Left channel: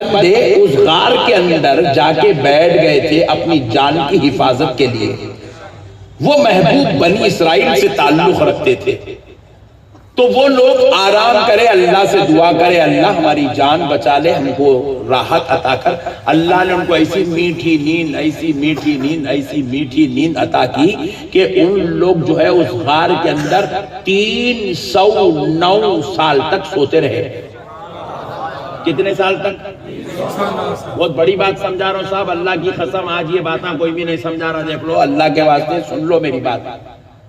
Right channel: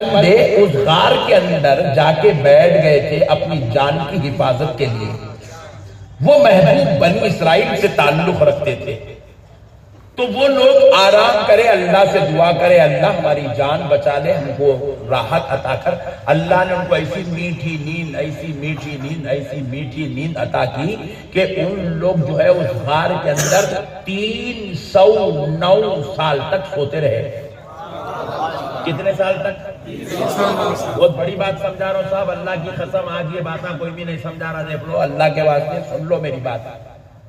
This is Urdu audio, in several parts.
بندے اس غار کے اندر جا کے بیٹھ گئے تھے اپنی جان کی حفاظت کے لیے. وہ محبوب بنی اسرائیل سے تعلق رکھتے تھے. تو وہ لوگ آرام کرے, اللہ سے دعا کرے, اللہ ہماری جان بچا لے, ہم کو راحت عطا کر. اللہ نے ان کو ایسی میٹھی نیند, ایسی میٹھی نیند, ایسی میٹھی نیند عطا کی کہ ان لوگ جو ہے اس غار کے اندر 309 سال تک سوتے رہے. کتنے سال تک؟ بہت بڑی بات سمجھا رہا ہوں صاحب, اللہ کی قسم آج یہ باتیں کوئی بھی نہیں سمجھا رہا. دیکھ لو, اللہ کے واسطے سن لو میری بات.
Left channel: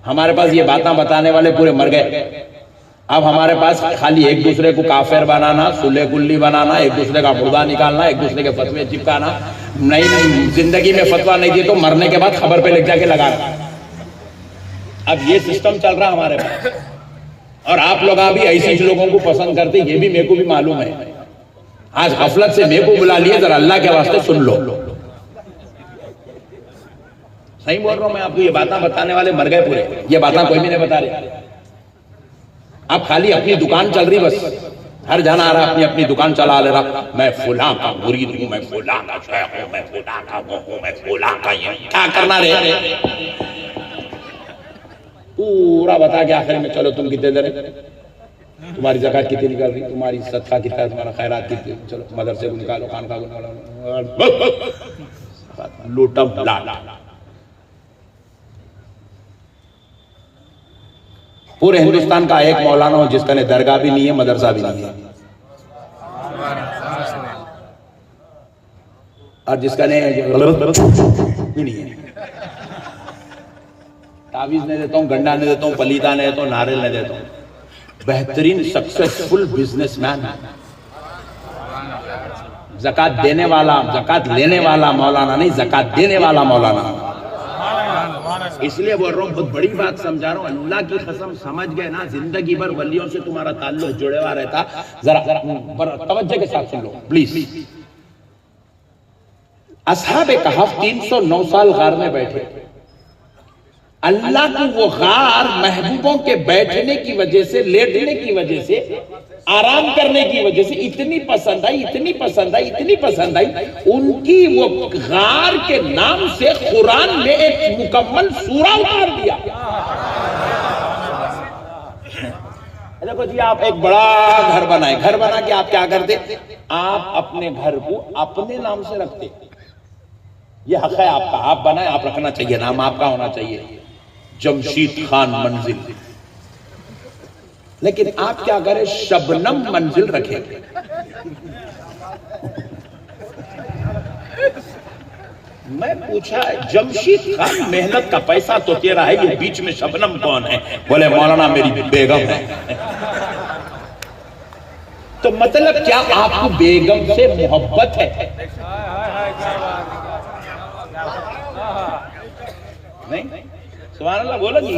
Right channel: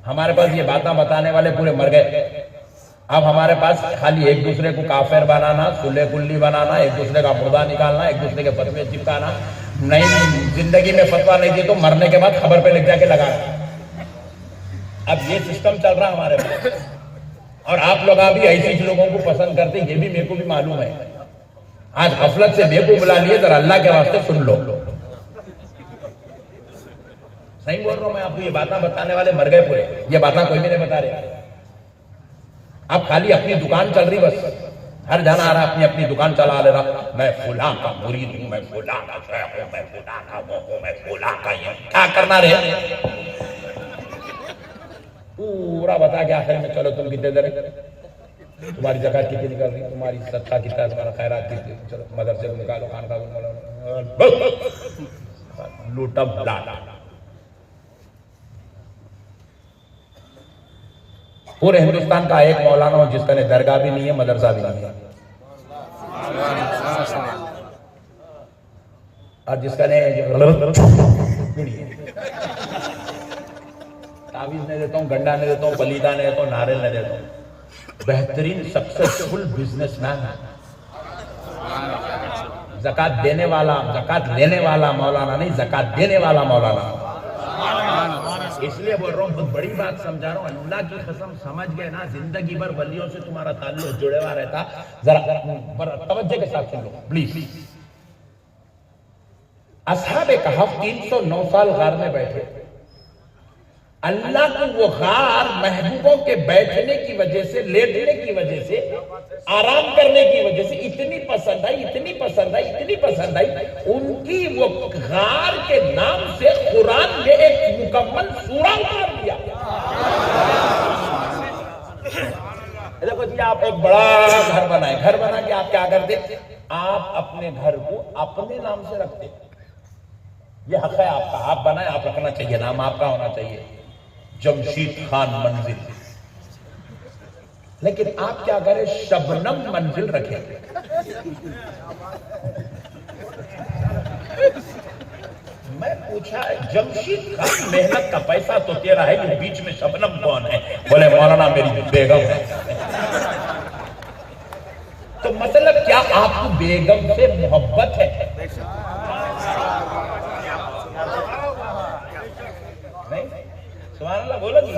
ہمارے پاس یہ باتیں بتانے والے پورے مر گئے. اب ہمارے پاس خالی ایک دوسرے کو کافر بنانا, سلے کلی بنانا, ایک دوسرے کا مردہ نکالنا, ایک دوسرے کے فتوے چپکانا. نہیں, زندگی میں فتویٰ نہیں دی تو مرنے کے بعد خبر پہ لکھ جا کے لگانا. اب یہ سسٹم چل رہا ہمارے پاس, اور آپ لوگ بھی ایسے لوگوں کو پسند کرتے, یہ بھی میرے کو بھی معلوم ہے. آج غفلت سے میرے کو بلا لیے, ذرا اللہ کے واسطے سن لو. صحیح بول رہا ہوں میں آپ کو, یہ باتیں بتانے والے مر گئے پورے. یہ باتیں کوئی بھی نہیں بتا رہے. اب خالی اپنی دکان چل رہی, بس ہر جانا آ رہا اپنی اپنی دکان چلا لے رہا. میں فلاں کا مرید ہوں, میں فلاں کا شیخ ہوں, میں فلاں کا وہ ہوں, میں فلاں کا یہ. کیا کرنا رہے پورا بتا کے آخر میں چلو تم کتنے دے رہے, تمہاری زکات کتنی نکل رہی, تمہاری صدقہ کتنا ہے, تمہارا خیرات کتنی, چلو مدرسے کو نکالو, خانقاہ کو نکالو, لوٹم لاٹ. پورے ہندوستان کا ایک مولانا ہوں جس کا نے درگاہ بھی نہیں ہے, مدرسہ بھی نہیں ہے, اور جس کا نے تعویذ نہیں دیتا ہوں, گنڈا نہیں دیتا ہوں, پلیتا نہیں دیتا ہوں, ناریل نہیں دیتا ہوں. بہترین سکسیسفل بزنس مین ہے. زکات دینے والا, زکات لینے والا مولانا نہیں, زکات دینے والا مولانا. اس لیے بول رہا ہوں, بہت بڑی بات سمجھا رہا ہوں. اللہ کی قسم سمجھ گئے نا, زندگی بھر ولیوں سے تمہارا تعلق جڑے ہوا رہتا. ذرا توجہ کے ساتھ سن لو پلیز. اصحاب کہف 309 سال غار میں بیٹھے. اللہ کو وہ غار محبوبوں کے بیٹھنے کی وجہ سے, لیٹنے کی وجہ سے, آرام کرنے کی وجہ سے اتنی پسند آئی, اتنی پسند آئی, اتنی پسند آئی. ان کی وہ غار کے نام سے قرآن نے ایک مکمل سورہ اتار دیا. دیکھو جی, آپ ایک بڑا گھر بنائے, گھر بنا کے آپ کیا کرتے, آپ اپنے گھر کو اپنے نام سے رکھتے. یہ حق ہے آپ کا, آپ بنائے, آپ رکھنا چاہیے, نام آپ کا ہونا چاہیے, جمشید خان منزل. لیکن آپ کیا کریں, شبنم منزل رکھیں. میں پوچھا, جمشید خان محنت کا پیسہ تو تیرا ہے, یہ بیچ میں شبنم کون ہے؟ بولے مولانا میری بیگم ہے. تو مطلب کیا آپ کو بیگم سے محبت ہے؟ نہیں, سبحان اللہ بولا جی,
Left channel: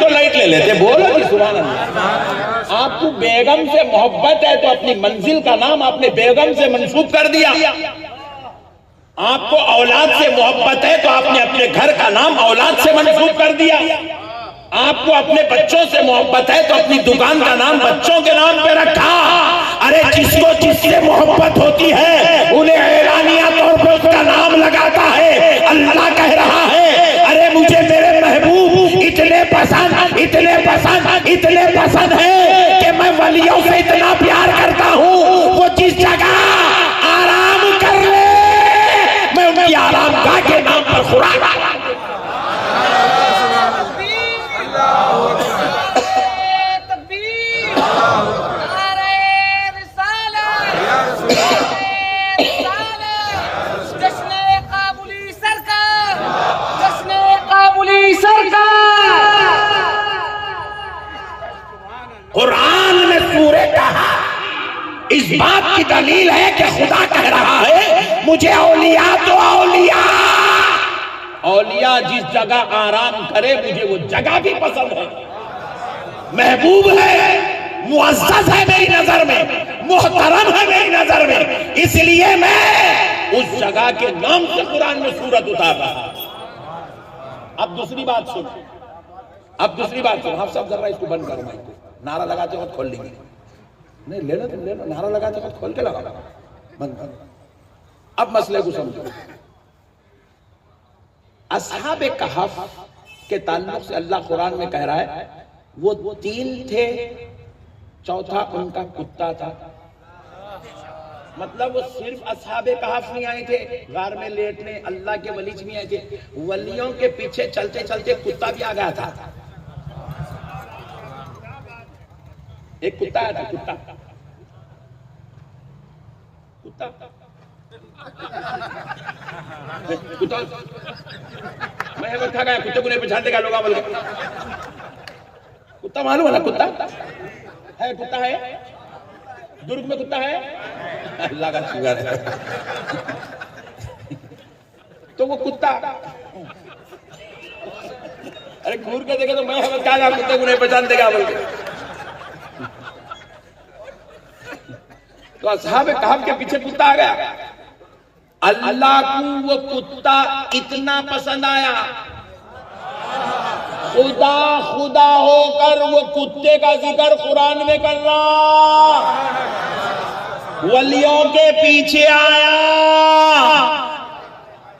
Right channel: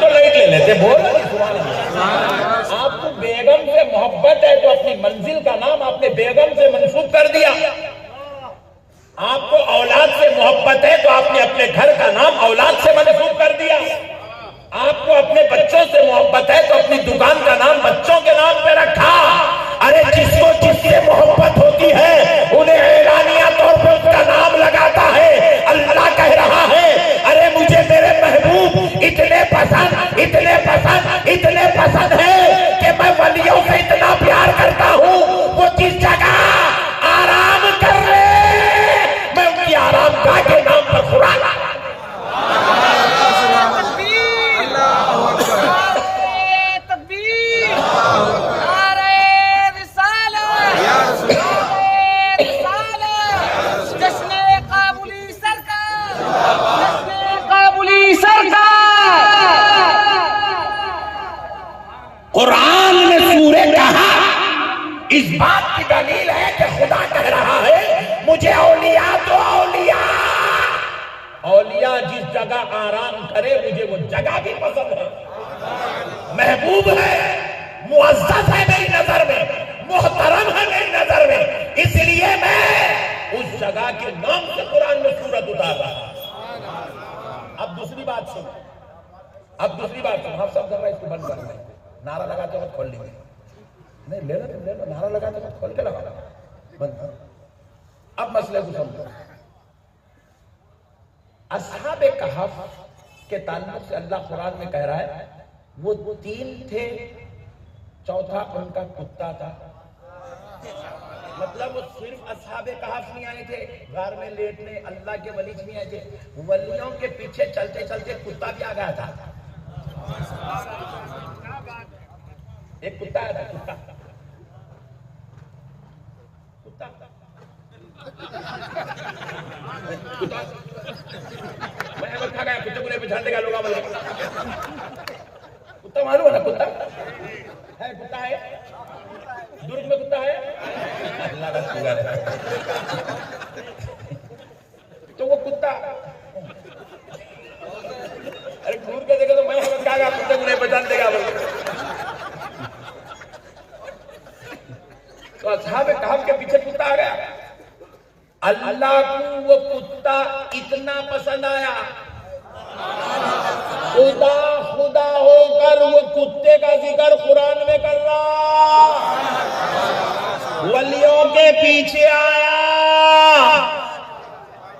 تو لائٹ لے لیتے, بولا جی سبحان اللہ. آپ کو بیگم سے محبت ہے تو اپنی منزل کا نام آپ نے بیگم سے منسوب کر دیا. آپ کو اولاد سے محبت ہے تو آپ نے اپنے گھر کا نام اولاد سے منسوب کر دیا. آپ کو اپنے بچوں سے محبت ہے تو اپنی دکان کا نام بچوں کے نام پہ رکھا. ارے جس کو جس سے محبت ہوتی ہے انہیں حیرانیہ طور پر اس کا نام لگاتا ہے. اللہ کہہ رہا ہے, ارے مجھے میرے محبوب اتنے پسند, اتنے پسند, اتنے پسند ہے کہ میں ولیوں سے اتنا پیار کرتا ہوں, وہ جس جگہ آرام کر لے میں ان کی آرام گاہ کے نام پر خوراک. اللہ اکبر, تکبیر, نعرہ رسالت, یا رسول اللہ, جشن قابلی سرکار, جشن قابلی سرکار. قرآن میں سورہ کہا اس بات کی دلیل ہے کہ خدا کہہ رہا ہے مجھے اولیاء تو اولیاء, اولیاء جس جگہ آرام کرے مجھے وہ جگہ بھی پسند ہے, محبوب ہے, معزز ہے میری نظر میں, محترم ہے میری نظر میں, اس لیے میں اس جگہ کے نام سے قرآن میں سورت اتار رہا. اب دوسری بات سنو, اب دوسری بات سنو, ہم سب ذرا اس کو بند کرنا, نعرہ لگاتے وقت کھول لیں گے. نہیں لینا تم لینا، نعرہ لگاتے وقت کھول کے لگا، بند کر۔ اب مسئلے کو سمجھو۔ اصحاب کہف کے تعلق سے اللہ قرآن میں کہہ رہا ہے وہ 3 تھے، چوتھا ان کا کتا تھا۔ مطلب وہ صرف اصحاب کہف نہیں آئے تھے غار میں لیٹنے، اللہ کے ولی نہیں آئے تھے، ولیوں کے پیچھے چلتے چلتے کتا بھی آ گیا تھا۔ ایک کتا آیا تھا، کتا میں تھا گیا، کتے کو نہیں پہچان دے گا لوگ بول کے۔ کتا معلوم ہے نا، کتا ہے، کتا ہے درگ میں، کتا ہے اللہ کا شکر ہے۔ تو وہ کتا ارے گور کے دیکھے تو میں ہمیں کہا گا کتے کو نہیں پہچان دے گا بول کے۔ تو اصحاب کہف کے پیچھے کتا آ گیا۔ اللہ کو وہ کتا اتنا پسند آیا، خدا خدا ہو کر وہ کتے کا ذکر قرآن میں کر رہا، ولیوں کے پیچھے آیا،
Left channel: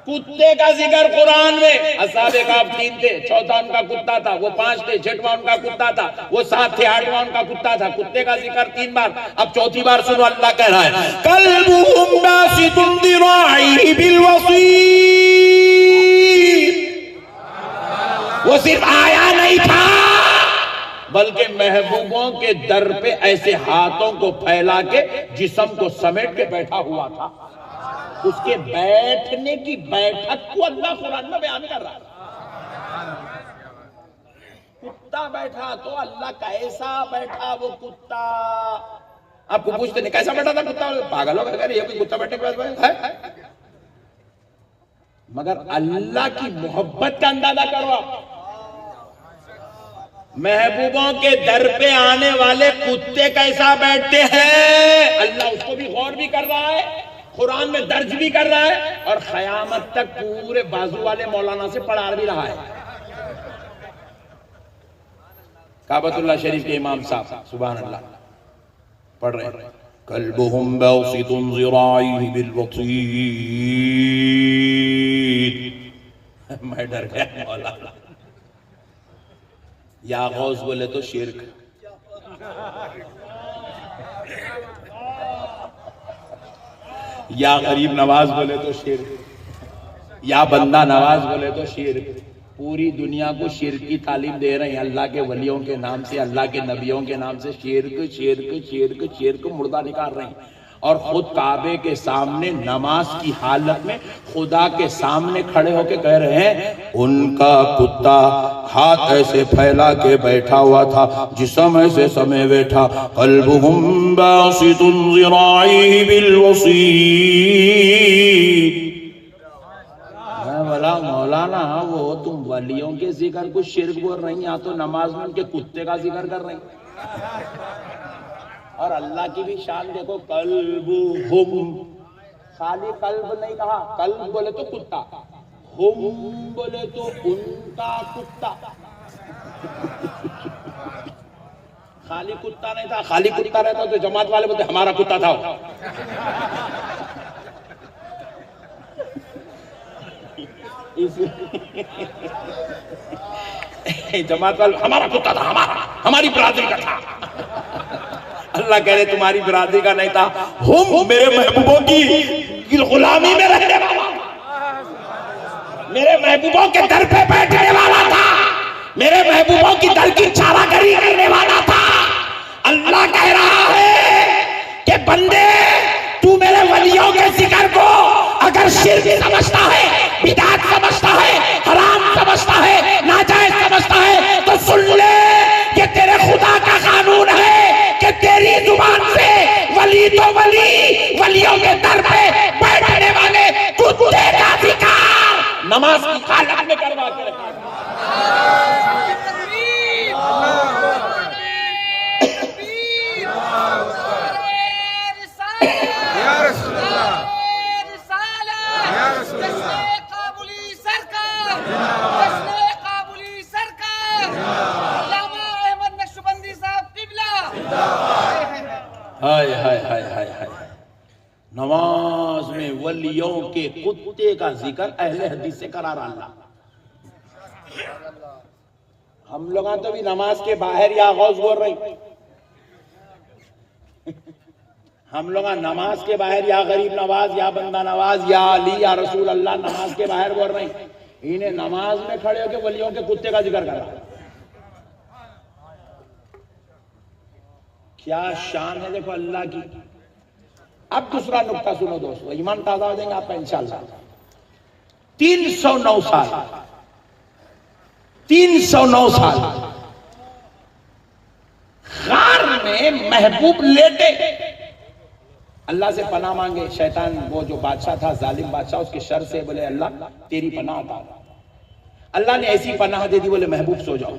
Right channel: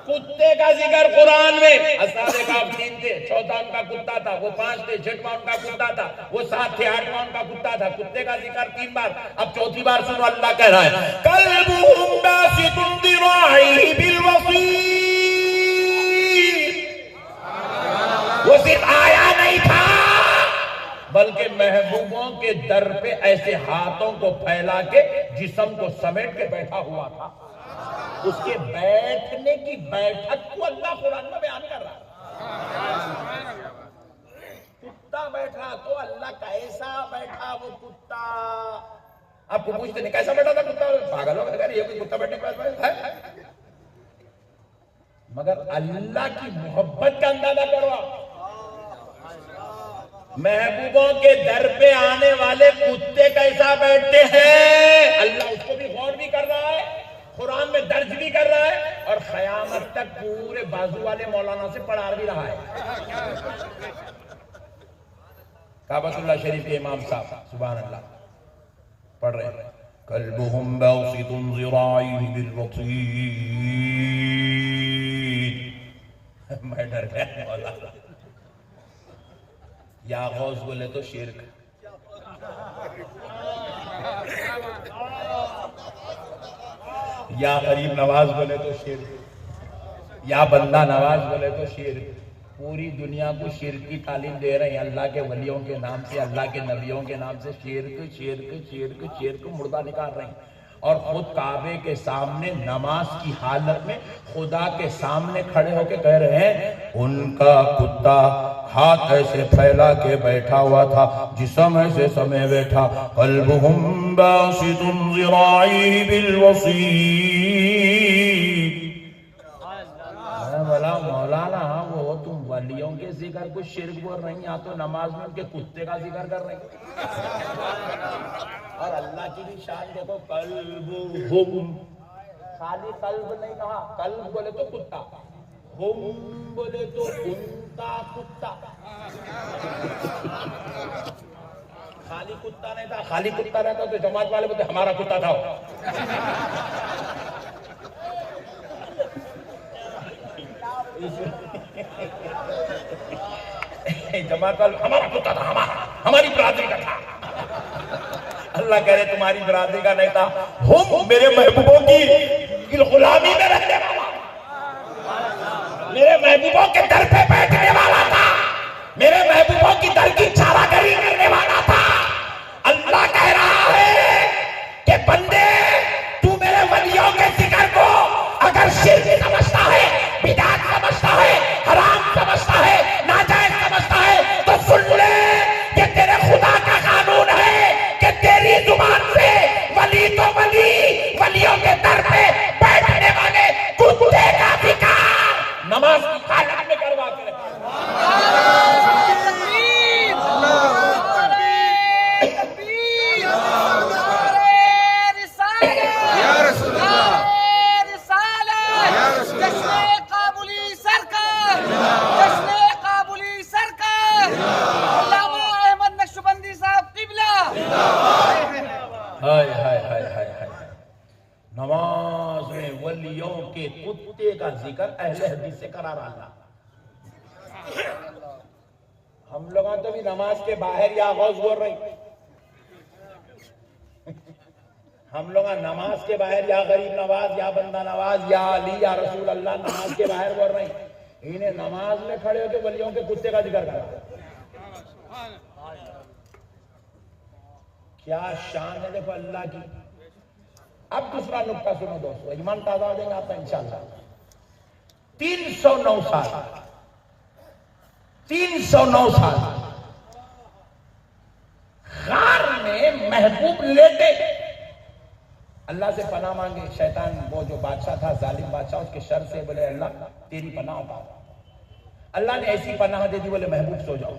کتے کا ذکر قرآن میں۔ اصحاب کہف 3 تھے، چوتھا ان کا کتا تھا، وہ 5 تھے، 6واں ان کا کتا تھا، وہ 7 تھے، 8واں ان کا کتا تھا۔ کتے کا ذکر 3 بار، اب چوتھی بار سنو اللہ کہہ رہا ہے قلبهم باسط ذراعيه بالوصید۔ وہ صرف آیا نہیں تھا بلکہ محبوبوں کے در پہ ایسے ہاتھوں کو پھیلا کے جسم کو سمیٹ کے بیٹھا ہوا تھا۔ اس کے بیٹھنے کی بیٹھک کو اللہ قرآن میں بیان کر رہا ہے۔ کتا بیٹھا تو اللہ کیسا بیٹھا وہ کتا؟ آپ کو پوچھتے نہیں کیسا بیٹھا تھا کتا؟ پاگل ہو گئے، یہ کوئی کتا بیٹھنے کے بعد ہے؟ مگر اللہ کی محبت کا اندازہ کرو۔ محبوبوں کے در پہ آنے والے کتے کیسا بیٹھتے ہیں، اللہ اس کو بھی غور بھی کر رہا ہے، قرآن میں درج بھی کر رہا ہے، اور قیامت تک پورے بازو والے مولانا سے پڑھا بھی رہا ہے۔ کعبۃ اللہ شریف کے امام صاحب سبحان اللہ پڑھ رہے ہیں قلبهم باسط ذراعيه بالوصید۔ میں ڈر گیا مولانا، یا غوث بولے تو شرک، یا غریب نواز بولے تو شرک، یا بندہ نواز بولے تو شرک۔ پوری دنیا کو شرک کی تعلیم دے رہے ہیں، اللہ کے ولیوں کے نام سے، اللہ کے نبیوں کے نام سے شرک شرک شرک شرک مردہ نکال رہے ہیں، اور خود کعبے کے سامنے نماز کی حالت میں خدا کے سامنے کھڑے ہو کے کہہ رہے ہیں ان کا کتا ہاتھ ایسے پھیلا کے بیٹھا ہوا تھا، جسم ایسے سمے بیٹھا۔ قلبهم باسط ذراعيه بالوصید۔ مولانا وہ تم ولیوں کے ذکر کو شرک بول رہی ہیں، تو نماز میں ان کے کتے کا ذکر کر رہی ہیں۔ اور اللہ کی بھی شان دیکھو، قلبهم، خالی قلب نہیں کہا، قلب بولے تو کتا، ہم بولے تو ان کا کتا۔ خالی کتا نہیں تھا، خالی کتا رہتا تو جماعت والے بولتے ہمارا کتا تھا۔ جماعت والے ہمارا کتا تھا، ہماری برادری کا تھا۔ اللہ کہہ رہے تمہاری برادری کا نہیں تھا، ہم میرے محبوبوں کی غلامی میں رہنے والا، میرے محبوبوں کے در پہ بیٹھنے والا تھا، میرے محبوبوں کی در کی چارہ گری کرنے والا تھا۔ اللہ کہہ رہا ہے کہ بندے تو میرے ولیوں کے ذکر کو اگر شرک سمجھتا ہے، بدعت سمجھتا ہے، حرام سمجھتا ہے، ناجائز سمجھتا ہے، تو سن لے یہ تیرے خدا کا قانون ہے کہ تیری زبان سے ولی تو ولی، ولیوں کے در پہ بیٹھنے والے کتے کا ذکر نماز کی حالت میں کروا کر یا رسول اللہ، یا رسول اللہ، کابلی سرکار، کابلی سرکار، علامہ احمد نقشبندی صاحب قبلہ۔ ولیوں کے کتے کا ذکر اہل حدیث سے کرا رہا اللہ. ہم لوگاں تو بھی نماز کے باہر یا غوث بول رہی. ہم لوگ نماز کے باہر یا غریب نواز یا بندہ نواز یا علی یا رسول اللہ نماز کے باہر بول رہی. انہیں نماز میں کھڑے ہو کے ولیوں کے کتے کا ذکر کرا. کیا شان ہے دیکھو اللہ کی. اب دوسرا نکتہ سنو دوستو, ایمان تازہ ہو جائیں گے آپ کا انشاءاللہ. 309 سال 309 سال غار میں محبوب لیٹے, اللہ سے پناہ مانگے. شیطان وہ جو بادشاہ تھا ظالم بادشاہ, اس کے شر سے بولے اللہ تیری پناہ عطا. اللہ نے ایسی پناہ دے دی, بولے محبوب سو جاؤ.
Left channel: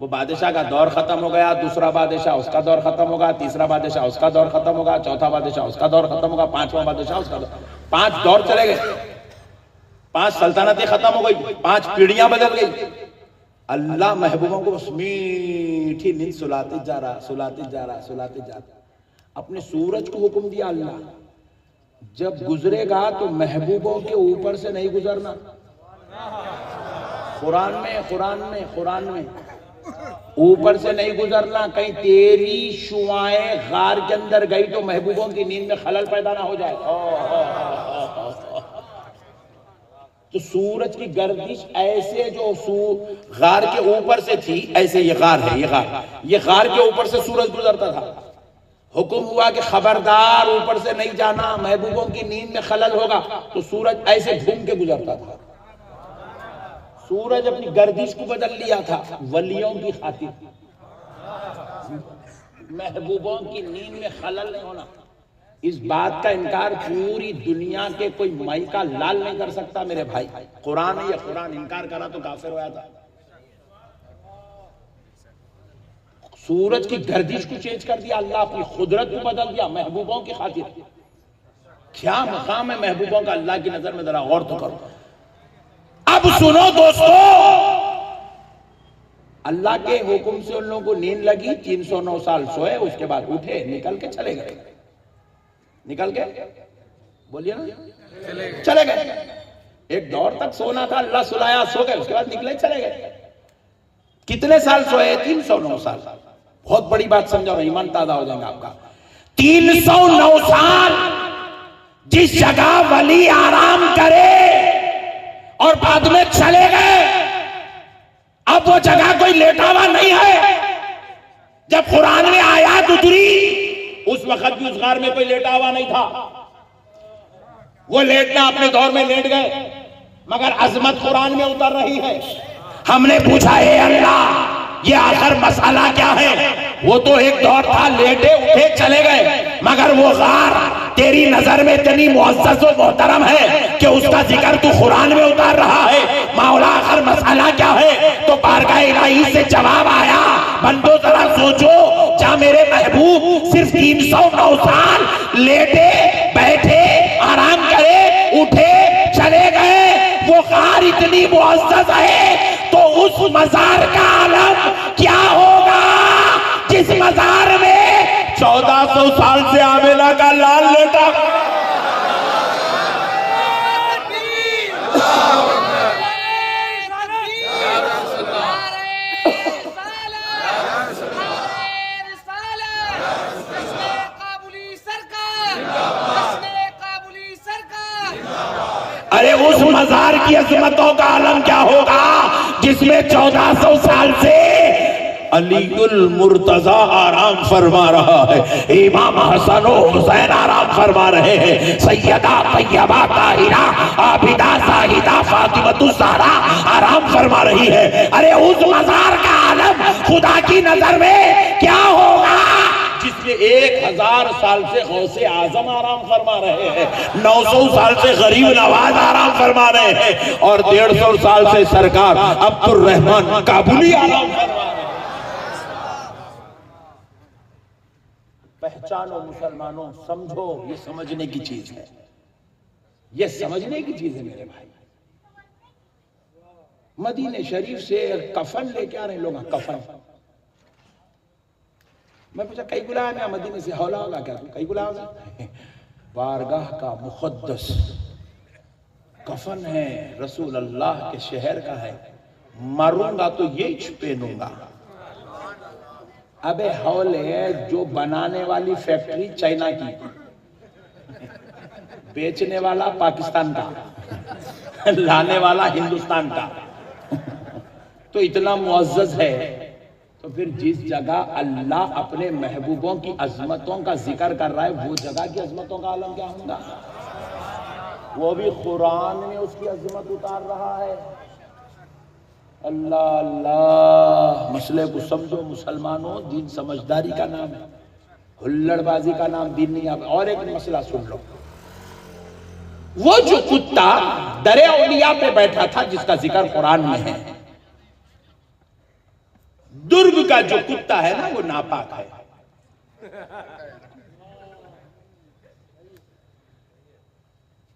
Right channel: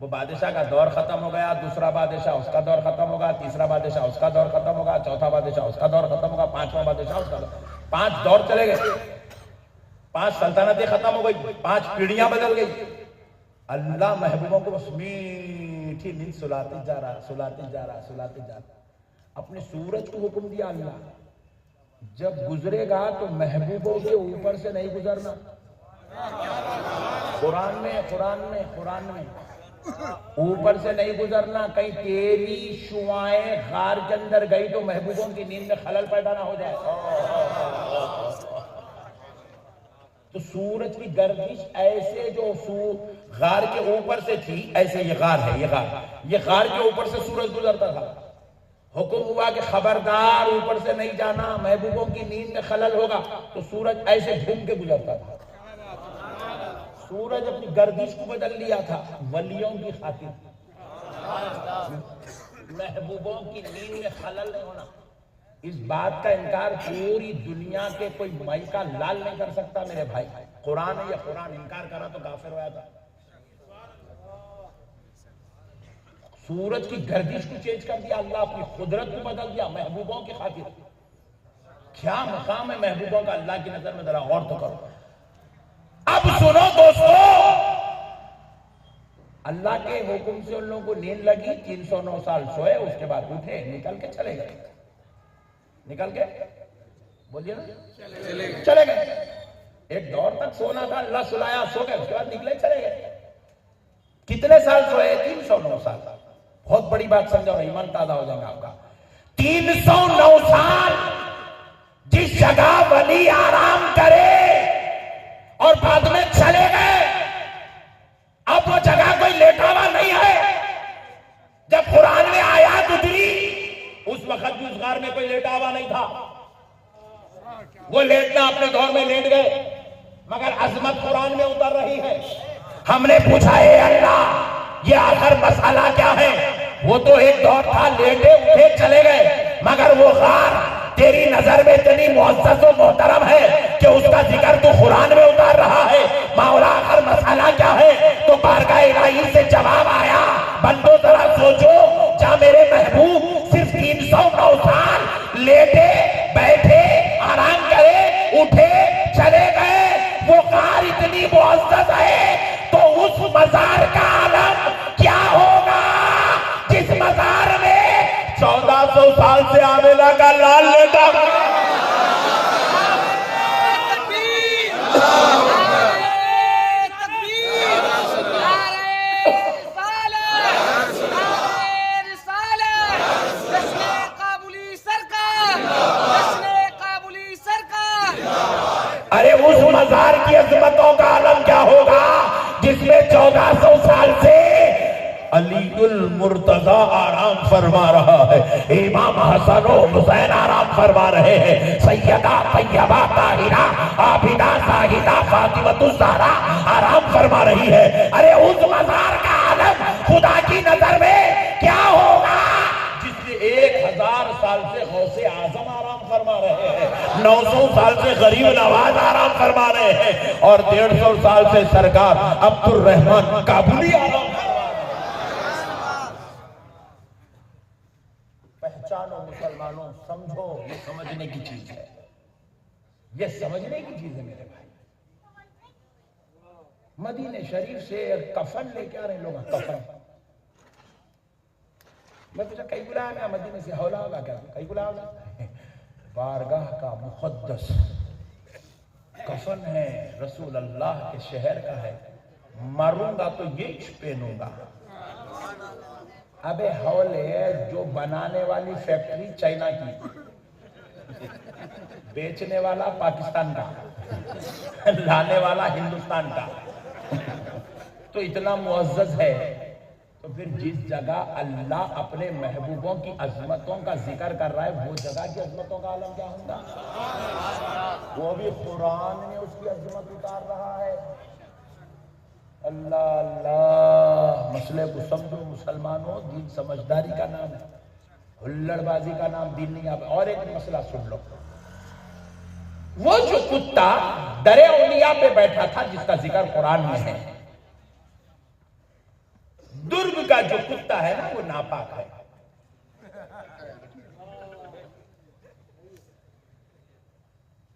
وہ بادشاہ کا دور ختم ہو گیا, دوسرا بادشاہ اس کا دور ختم ہوگا, تیسرا بادشاہ اس کا دور ختم ہوگا, چوتھا بادشاہ اس کا دور ختم ہوگا, پانچواں بادشاہ اس کا دور. 5 دور چلے گئے, 5 سلطنتیں ختم ہو گئی, 5 پیڑیاں بدل گئی. اللہ محبوبوں کو اس میٹھی نیند سلاتے جا رہا, سلاتے جا رہا, سلاتے جا رہا. اپنے سورج کو حکم دیا اللہ, جب گزرے گا تو محبوبوں کے اوپر سے نہیں گزرنا. قرآن میں اوپر سے نہیں گزرنا. کہیں تیری شعائیں غار کے اندر گئی تو محبوبوں کی نیند میں خلل پیدا نہ ہو جائے. تو سورج کی گردش ایسے جو غار کے اوپر سے تھی, ایسے یہ غار ہے, یہ غار کے اوپر سے سورج گزرتا تھا. حکم ہوا کہ خبردار اوپر سے نہیں جانا, محبوبوں کی نیند میں خلل ہوگا. تو سورج ایسے گھوم کے گزرتا تھا. سورج اپنی گردش کو بدل لیا تھا ولیوں کی خاطر, محبوبوں کی نیند میں خلل نہیں ہونا. اس بات کا انکار پوری دنیا کے کوئی مائی کا لال نہیں کر سکتا میرے بھائی. قرآن ہے, یہ قرآن انکار کرا تو کافر ہوا تھا. سورج کی گردش کو چینج کر دیا اللہ, اپنی قدرت کو بدل دیا محبوبوں کی خاطر. کیا مقام ہے محبوبوں کا اللہ کی نظر میں, ذرا غور تو کرو. اب سنو دوستو, اللہ کے حکم سے ان لوگوں کو نیند لگی, 309 سال سوئے, اس کے بعد اٹھے, نکل کے چلے گئے. نکل کے بولیے نا, چلے گئے. ایک دور تک سونا تھا, اللہ سلایا, سو گئے, اس کے بعد نکلے, چلے گئے. کتنے سال سوئے؟ 309 سال. بہت بڑی بات سمجھو, ایمان تازہ ہو جائے گا آپ کا. 309 سال جس جگہ ولی آرام کرے اور بعد میں چلے گئے, اب وہ جگہ کوئی لیٹا ہوا نہیں ہے. جب قرآن میں آیات اتری اس وقت بھی اس غار میں کوئی لیٹا ہوا نہیں تھا. وہ لیٹنا اپنے دور میں لیٹ گئے, مگر عظمت قرآن میں اتر رہی ہے. ہم نے پوچھا ہے اللہ یہ آخر مسئلہ کیا ہے؟ وہ تو ایک دور تھا, لیٹے اٹھے چلے گئے, مگر وہ غار تیری نظر میں اتنی معزز و محترم ہے کہ اس کا ذکر تو قرآن میں اتار رہا ہے. مولا آخر مسئلہ کیا ہے؟ تو بارگاہ الہی سے جواب آیا, بندو ذرا سوچو, جہاں میرے محبوب صرف 309 سال لیٹے بیٹھے آرام کرے, اٹھے چلے گئے, وہ غار اتنی معزز ہے, تو اس مزار کا عالم کیا ہوگا جس مزار میں 1400 سال سے آمینہ کا لال لیٹا. ارے اس مزار کی عظمتوں کا عالم کیا ہوگا جس میں 1400 سال سے علی المرتضی آرام فرما رہا ہے, امام حسن و حسین آرام فرما رہے ہیں, سیدہ طیبہ طاہرہ عابدہ زاہدہ فاطمۃ الزہرا آرام فرما رہی ہے. ارے اس مزار کا عالم خدا کی نظر میں کیا ہوگا جس میں 1000 سال سے غوث اعظم آرام فرما رہے ہیں, 900 سال سے غریب نواز آرام فرما رہے ہیں, اور 150 سال سے سرکار عبد الرحمن کابلی آرام فرما رہے ہیں. پہچانو مسلمانوں, سمجھو, یہ سمجھنے کی چیز ہے, یہ سمجھنے کی چیز ہے میرے بھائی. مدینہ شریف سے کفن لے کے آ رہے لوگ, کفن. میں پوچھا کئی گلا ہے, میں مدینہ سے ہولا ہوگا کیا, کئی گلا ہوگا, بارگاہ کا مقدس کفن ہے، رسول اللہ کے شہر کا ہے، مروں گا تو یہ پہنوں گا۔ ابے ہول ہے جو بنانے والی فیکٹری چائنا کی، بیچنے والا پاکستان کا، لانے والا ہندوستان کا، تو اتنا معزز ہے، تو پھر جس جگہ اللہ اپنے محبوبوں کی عظمتوں کا ذکر کر رہا ہے وہ جگہ کی عظمتوں کا عالم کیا ہوگا؟ وہ بھی قرآن میں اس کی عظمت اتار رہا ہے۔ اللہ اللہ، مسئلے کو سمجھو مسلمانوں، دین سمجھداری کا نام ہے، ہلڑ بازی کا نام دین نہیں ہے۔ اور ایک مسئلہ سن لو، وہ جو کتا درے اولیاء پہ بیٹھا تھا جس کا ذکر قرآن میں ہے، درگ کا جو کتا ہے نا وہ ناپاک ہے۔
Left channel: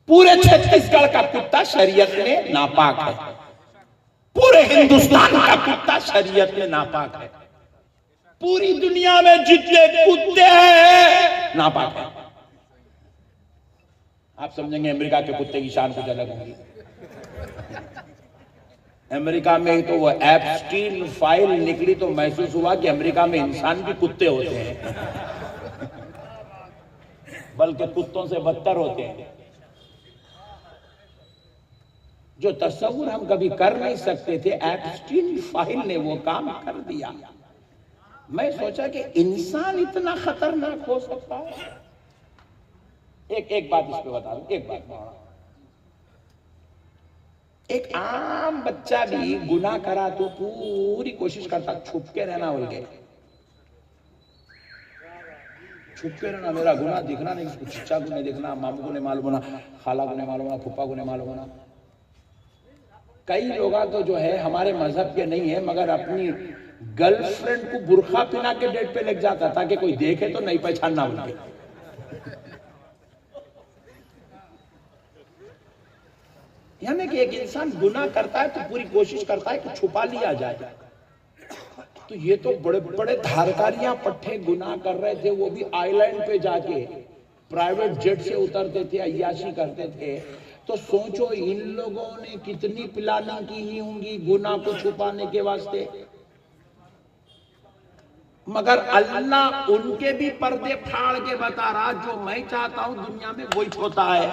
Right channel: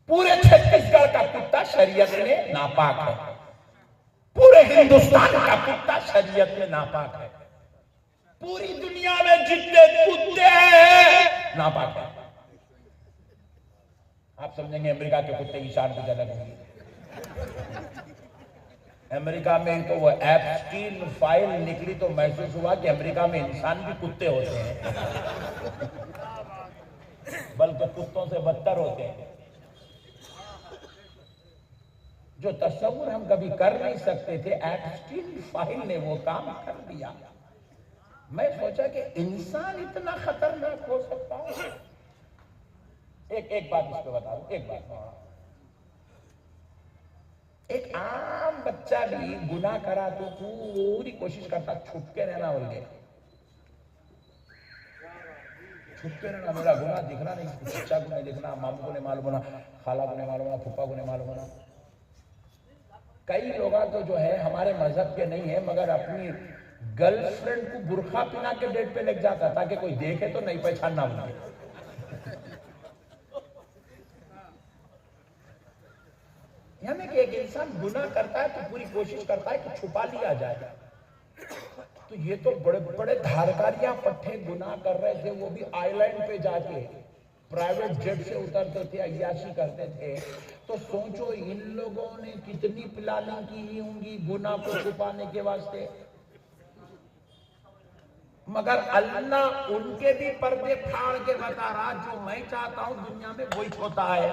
پورے چھتیس گڑھ کا کتا شریعت میں ناپاک ہے، پورے ہندوستان کا کتا شریعت میں ناپاک ہے، پوری دنیا میں جتنے کتے ہیں ناپاک ہیں۔ آپ سمجھیں گے امریکہ کے کتے کی شان کچھ الگ ہوگی۔ امریکہ میں تو وہ ایپسٹین فائل نکلی تو محسوس ہوا کہ امریکہ میں انسان بھی کتے ہوتے ہیں، بلکہ کتوں سے بدتر ہوتے ہیں۔ جو تصور ہم کبھی کر نہیں سکتے تھے، ایپسٹین فائل نے وہ کام کر دیا۔ میں سوچا کہ انسان اتنا خطرناک ہو سکتا ہے۔ ایک بات اس پہ بتا دوں، ایک بات، ایک عام بچہ بھی گناہ کرا تو پوری کوشش کرتا چھپ کے رہنا، بول کے چھپ کے رہنا، میرا گناہ دکھنا نہیں، چچا کو نہیں دکھنا، ماموں کو نہیں معلوم ہونا، خالہ کو نہیں معلوم ہونا، پھپھا کو نہیں معلوم ہونا۔ کئی لوگ تو جو ہے ہمارے مذہب کے نہیں ہے مگر اپنی گرل فرینڈ کو برقع پہنا کے ڈیٹ پہ لے جاتا تاکہ کوئی دیکھے تو نہیں پہچاننا ان کے۔ یعنی کہ ایک انسان گناہ کرتا ہے تو پوری کوشش کرتا ہے کہ چھپا لیا جائے۔ تو یہ تو بڑے بڑے دھارکاریاں پٹھے گناہ کر رہے تھے، وہ بھی آئی لینڈ پہ جا کے پرائیویٹ جیٹ سے اترتے تھے، عیاشی کرتے تھے۔ تو سوچو ان لوگوں نے کتنی پلاننگ کی ہی ہوں گی گناہ کو چھپانے کے واسطے، مگر اللہ ان کے بھی پردے پھاڑ کے بتا رہا جو میں چاہتا ہوں دنیا میں وہی ہوتا ہے۔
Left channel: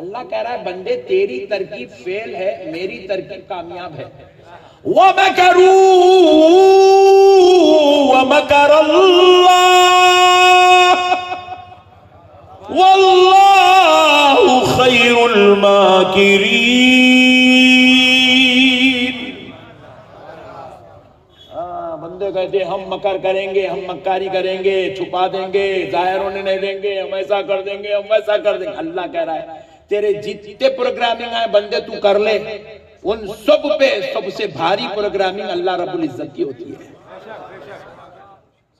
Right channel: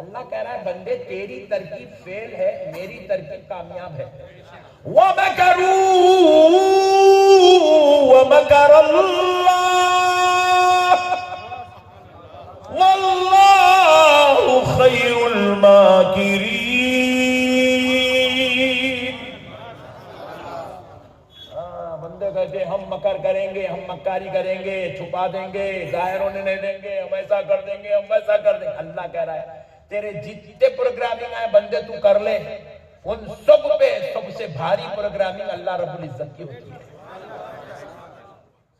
اللہ کہہ رہا ہے بندے تیری ترکیب فیل ہے، میری ترکیب کامیاب ہے۔ وَمَكَرُوا وَمَكَرَ اللَّهُ وَاللَّهُ خَيْرُ الْمَاكِرِينَ۔ بندے کہتے ہیں ہم مکر کریں گے، ہم مکاری کریں گے، چھپا دیں گے، ظاہر ہونے نہیں دیں گے، ہم ایسا کر دیں گے، ہم ویسا کر دیں گے۔ اللہ کہہ رہا ہے تیرے جتنے پروگرامنگ ہیں بندے تو کر لے، ان سب پہ سب سے بھاری پروگرامنگ اللہ رب العزت کی ہوتی ہے۔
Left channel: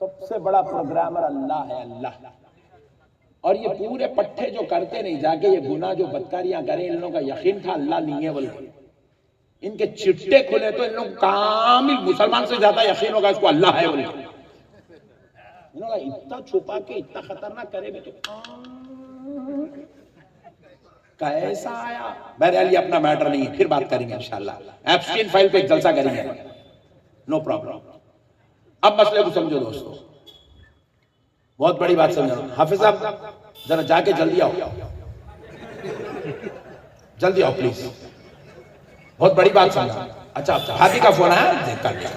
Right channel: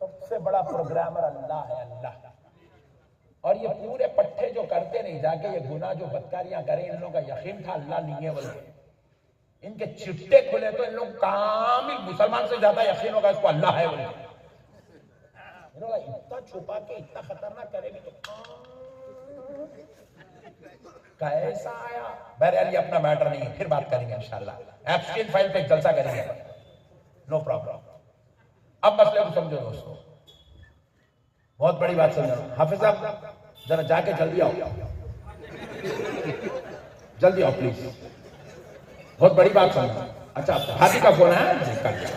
سب سے بڑا پروگرامر اللہ ہے، اللہ۔ اور یہ پورے پٹھے جو کرتے نہیں جا کے یہ گناہ جو بدکاریاں کریں، ان لوگوں کا یقین تھا اللہ نہیں ہے، بلکہ ان کے چٹے کھلے تو ان لوگ کامل مسلمان سے زیادہ یقین ہوگا اس کو اللہ ہے، بلکہ انہوں نے اتنا چھپا کے اتنا خطرناک کرے بھی تو کیسا آیا۔ بہرحال یہ اپنا میٹر نہیں ہے، پھر بات کریں گے انشاءاللہ، ایپسٹین فائل پہ ایک جلسہ کریں گے، نو پرابلم۔ اب مسئلے کو سمجھو دوستو، بہت بڑی بات سمجھو۔ حافظ صاحب ذرا جا کے جلدی آؤ، جلدی آؤ پلیز، بہت بڑی بات سمجھو۔ اچھا بھابھی کا فون ہے، کر لیا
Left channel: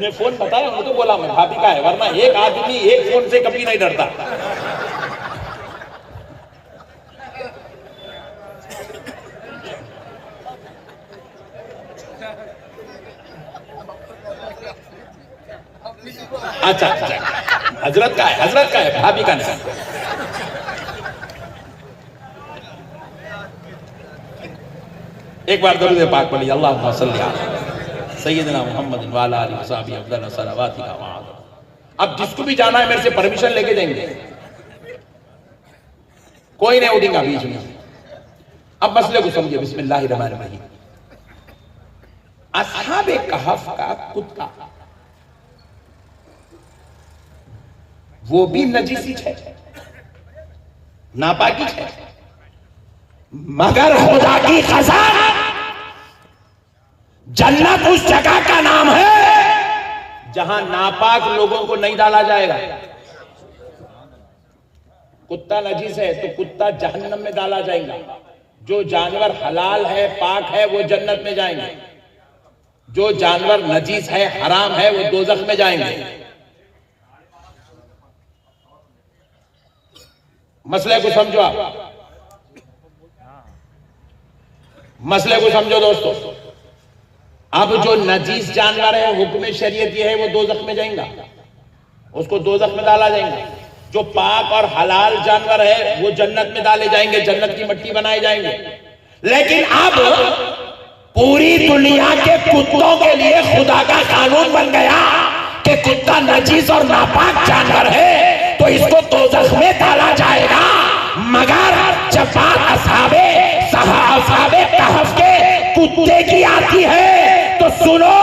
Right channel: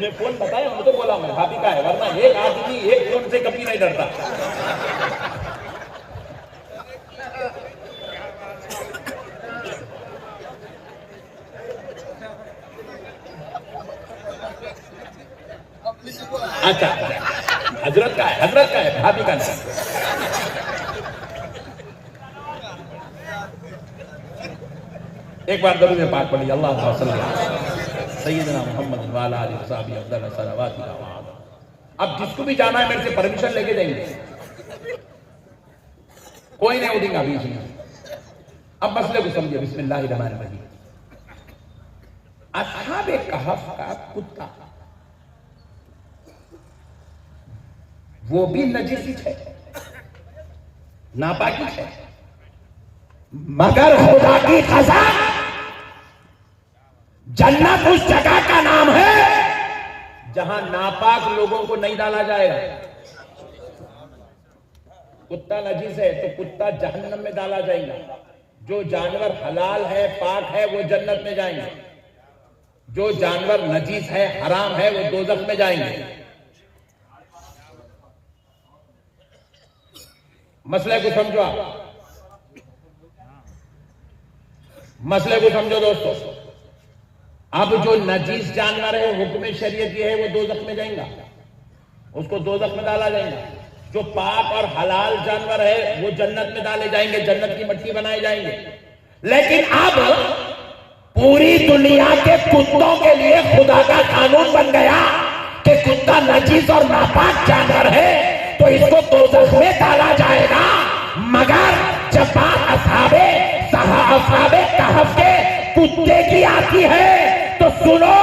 نے فون بتایا، ہم تو بولا میں بھابھی کا ہے، ورنہ ایک آدمی ایک فون سے کبھی نہیں ڈرتا۔ اچھا حضرت کا ہے، حضرت کا ہے، بھابھی کا نہیں۔ ایک بار درود پاک پڑھی، اللہم صلی علی سیدنا محمد وعلی آلہ وصحبہ افضل صلوات و سلام۔ اب جس کو بھی جانا ہے میرے سے پرمیشن لے کے جائیں گے، کوئی نہیں اٹھیں گا بیچ میں۔ اب مسئلے کو سمجھے، بسم اللہ الرحمن الرحیم۔ اصحاب کہف کا کتا وہ بھی نجیسی ہے، ناپاکی ہے، مگر خدا کی قسم جنت اس جگہ کا نام ہے جہاں ناپاک لوگوں کو نہیں ڈالا جائے گا۔ کتا نجیس ہے تو کتا جہنم میں ڈالا جائے گا، جو جانور حلال ہے پاک ہے وہ جنت میں جائیں گے، جو جانور نجیس ہے حرام ہے وہ دوزخ میں جائیں گے۔ مسئلے کو سمجھو، آپ مسئلے کو سمجھو دوستو۔ اب جو نجیس جانور ہے حکم شریعت یہ ہے وہ دوزخ میں جائیں گا، اس کو دوزخ میں ڈالا جائیں گا۔ جو پاک اور حلال جانور ہے وہ جنت میں ڈالے جائیں گے، جنت کی مٹی بنائے جائیں گے۔ لیکن اب پوری دنیا کے کتوں کے لیے خدا کا قانون بن گیا کہ کتا نجیس اور ناپاک جانور ہے تو اس کو دوزخ میں ڈالا جائے گا، مگر جب بات اصحاب کہف کے کتے کی آتی ہے تو سنو،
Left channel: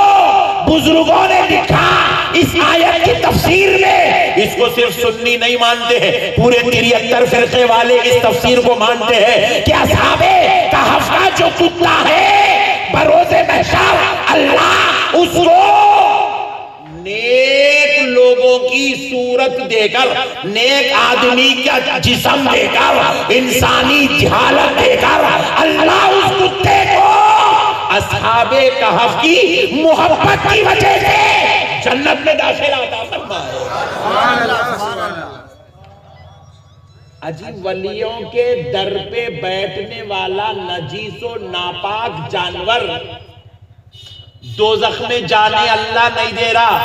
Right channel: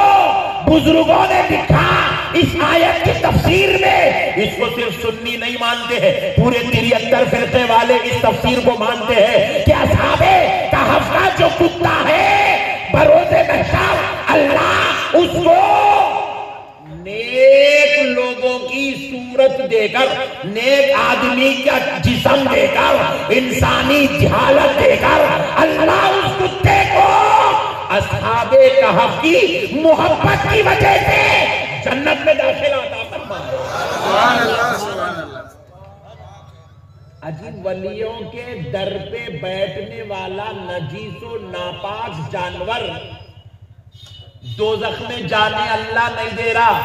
بزرگوں نے لکھا اس آیت کی تفسیر میں، اس کو صرف سنی نہیں مانتے ہیں، پورے 73 فرقے والے اس تفسیر کو مانتے ہیں کہ اصحاب کہف کا جو کتا ہے بروز محشر اللہ اس کو نیک لوگوں کی صورت دے کر، نیک آدمی کا جسم دے کر، انسانی جھالت دے کر اللہ اس کتے کو اصحاب کہف کی محبت کی وجہ سے جنت میں داخل آتا۔ سبحان اللہ سبحان اللہ۔ عجیب، ولیوں کے در پہ بیٹھنے والا نجیس و ناپاک جانور دوزخ میں جانے اللہ نہیں دے رہا،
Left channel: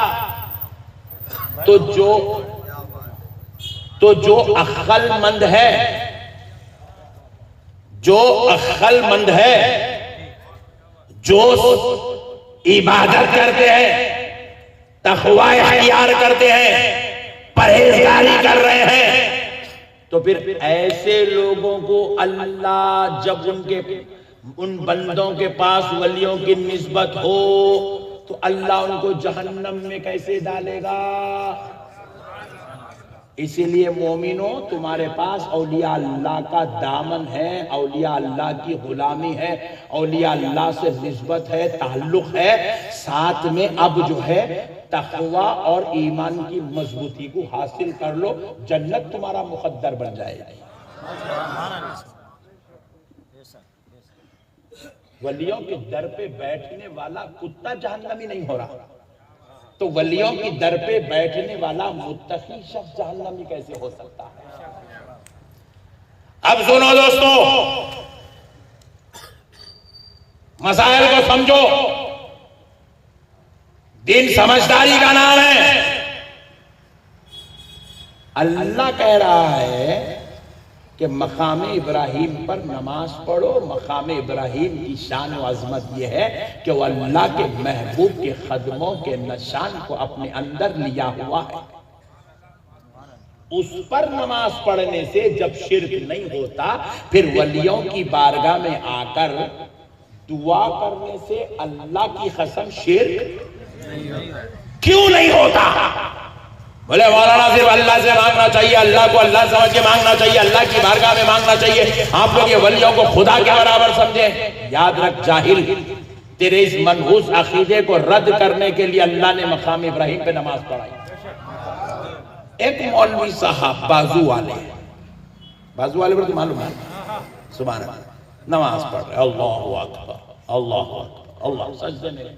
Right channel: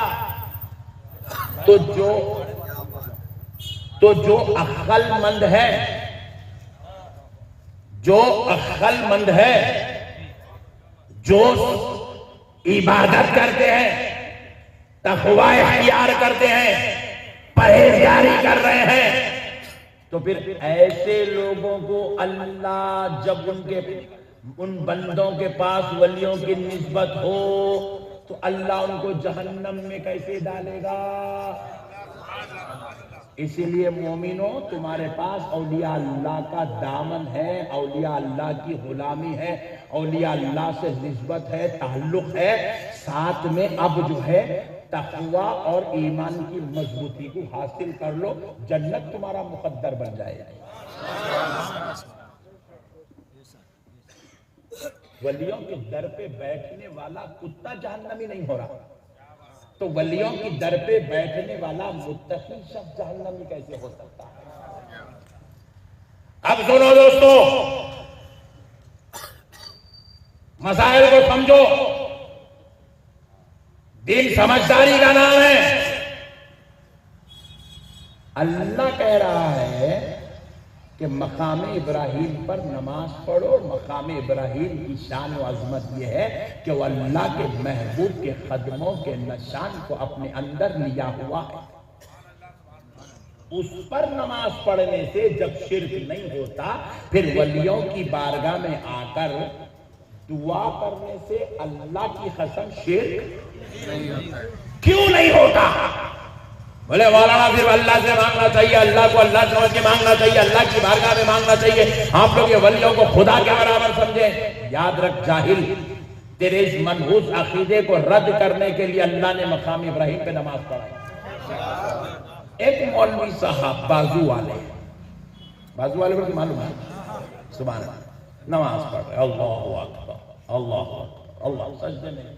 تو جو عقل مند ہے، جو عقل مند ہے، جو عبادت کرتے ہیں، تقوی اختیار کرتے ہیں، پرہیزگاری کر رہے ہیں، تو پھر ایسے لوگوں کو اللہ جب ان بندوں کے پاس ولیوں کی نسبت ہو تو اللہ ان کو جہنم میں کیسے ڈالے گا؟ اسی لیے مومنوں، تمہارے پاس اولیاء اللہ کا دامن ہے، اولیاء اللہ کی غلامی ہے، اولیاء اللہ سے نسبت ہے، تعلق ہے، ساتھ میں اب جو ہے تقوی اور ایمان کی مضبوطی کو حاصل کر لو، جنت تمہارا مقدر بن جائے گی۔ ولیوں کے در پہ بیٹھنے والا کتا جہنمی نہیں ہو رہا، تو ولیوں کی در پہ بیٹھنے والا متقی شخص جہنمی کیسے ہو سکتا ہے؟ اب سنو دوستو، مسائل کو سمجھو، دین سمجھداری کا نام ہے۔ اللہ کہہ رہا ہے کہ مقام ابراہیم پر نماز پڑھو۔ مقام ابراہیم کی شان و عظمت یہ ہے کہ وہ اللہ کے محبوب کے قدموں کے نشان کو اپنے اندر لیا ہوا ہے۔ اس پر نماز پڑھنے سے جب شرک نہیں ہوتا، پھر ولیوں کی بارگاہ میں آ کر دعا کرنے سے اللہ کی قسم شرک نہیں ہوتا ہے۔ کیوں نہیں ہوتا؟ بولے مولانا صرف اللہ سے مانگنا چاہیے، اللہ کو اللہ سمجھ کے مانگنا چاہیے، اللہ کی بارگاہ میں مانگنا چاہیے، آپ لوگ یہ ولیوں کو خدا کے برابر سمجھیں۔ یاد رکھ جاہل، تیرے اس منحوس عقیدے کو رد کرنے کے لیے اللہ نے مقام ابراہیم پہ نماز پڑھائی۔ ایک مولوی صاحب بازو والے کو معلوم ہے، سبحان اللہ، نماز پڑھ رہے، اللہ اکبر اللہ اکبر اللہ، سجدے میں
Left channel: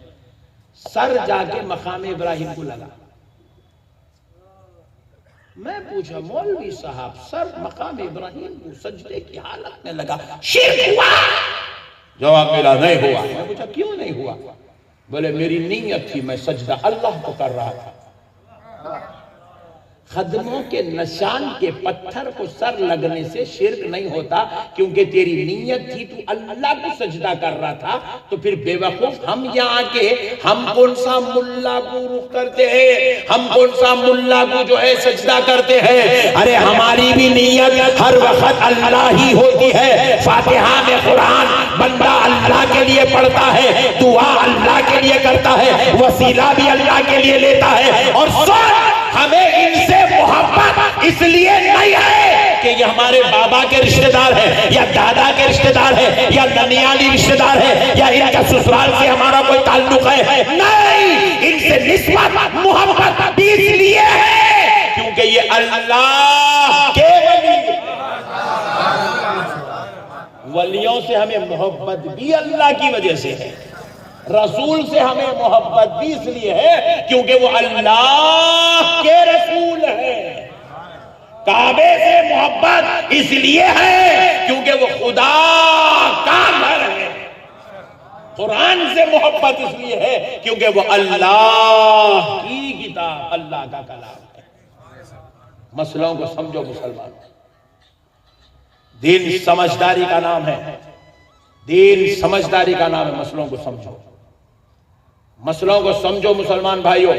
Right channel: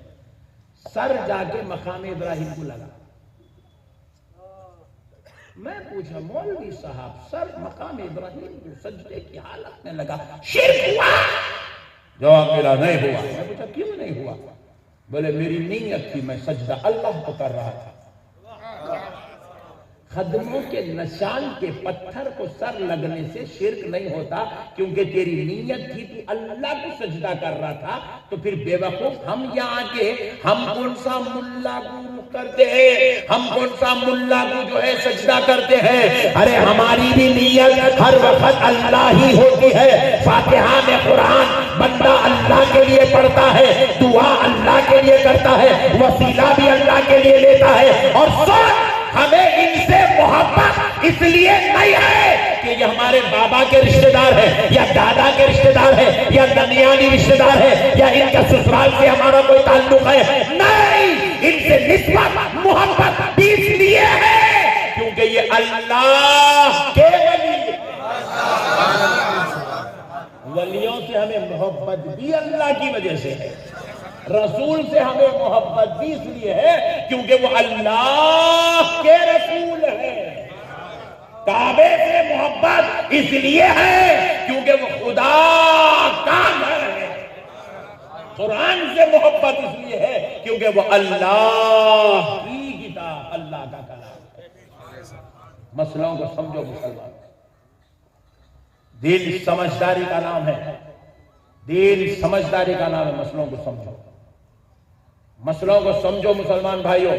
سر جا کے مقام ابراہیم کو لگا۔ میں پوچھا مولوی صاحب سر مقام ابراہیم کو سجدے کی حالت میں لگا، شرک ہوا؟ جواب ملا نہیں ہوا۔ میں پوچھا کیوں نہیں ہوا؟ بولے میری نیت تھی، میں سجدہ اللہ کو کر رہا تھا۔ قدموں کے نشان کے پتھر کو سر لگنے سے شرک نہیں ہوتا، کیونکہ تیری نیت تھی تو اللہ کو سجدہ کر رہا تھا۔ تو پھر بے وقوف ہم یہاں کے ہم کون سا ملا کو رخ کرتے ہیں، ہم کون سا ملا کو جو ہے سجدہ کرتے ہیں؟ ارے ہماری بھی نیت ہر وقت اللہ ہی ہوتی ہے۔ فاتحہ میں قرآن بندہ اللہ کے لیے پڑھتا ہے، دعا اللہ کے لیے کرتا ہے، وسیلہ بھی اللہ کے لیے لیتا ہے، اور ہمیں ان سے محبت رشتہ دار ہیں یا دادا کے رشتہ دار ہیں یا ننیالی رشتہ دار ہیں یا ان کا سسرال سے ہمارا کوئی تعلق ہے، نہیں، ان سے نسبت محبت بھی اس لیے ہے کیونکہ یہ اللہ کے ولی ہیں۔ ولیوں سے ہمیں محبت بھی اللہ کی وجہ سے ہے، رسول سے ہمیں محبت بھی اس لیے ہے کیونکہ وہ اللہ کے رسول ہے۔ کعبے سے محبت اس لیے ہے کیونکہ وہ خدا کا گھر ہے۔ قرآن سے محبت اس لیے ہے کیونکہ وہ اللہ کی کتاب، اللہ کا کلام ہے۔ مسئلوں کو سمجھو مسلمان، دین سمجھداری کا نام ہے، دین سمجھداری کا نام ہے۔ مسئلوں کو سمجھو، مسئلوں کو سمجھو مسلمان بھائیوں۔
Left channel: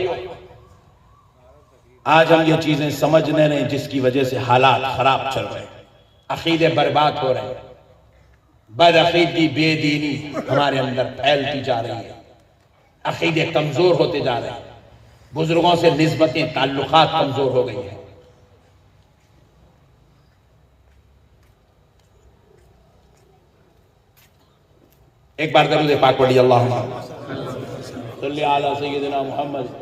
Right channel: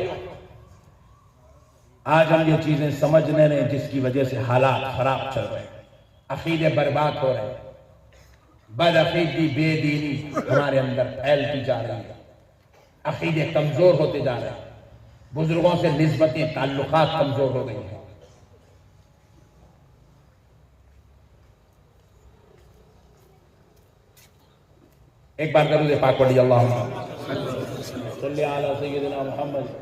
آج ہم یہ چیزیں سمجھنے رہے جس کی وجہ سے حالات خراب چل رہے ہیں، عقیدے برباد ہو رہے ہیں، بد عقیدگی بے دینی ہمارے اندر پھیلتی جا رہی ہے، عقیدے کمزور ہوتے جا رہے ہیں، بزرگوں سے نسبتیں تعلقات کمزور ہو گئی ہیں۔ ایک بار درود پاک پڑھی، اللہم صلی علی سیدنا محمد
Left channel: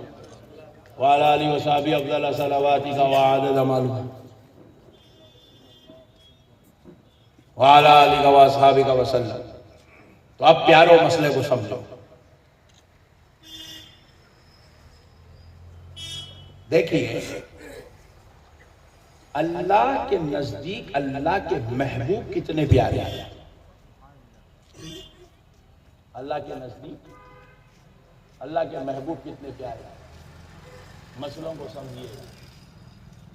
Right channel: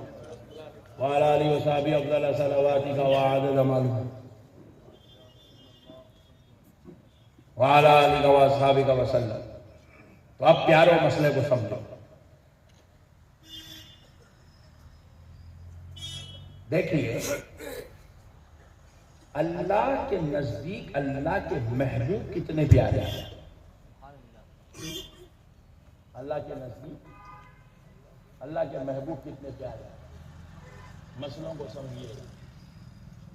وعلی آلہ وصحبہ افضل صلواتک وعدد مالک وعلی آلہ وصحبہ وسلم۔ تو اب پیارو مسئلے کو سمجھو۔ دیکھیے، اللہ کے نزدیک اللہ کے محبوب کتنے پیارے ہیں۔ اللہ کے نزدیک اللہ کے محبوب کتنے پیارے ہیں۔ مسئلوں کو سمجھیے،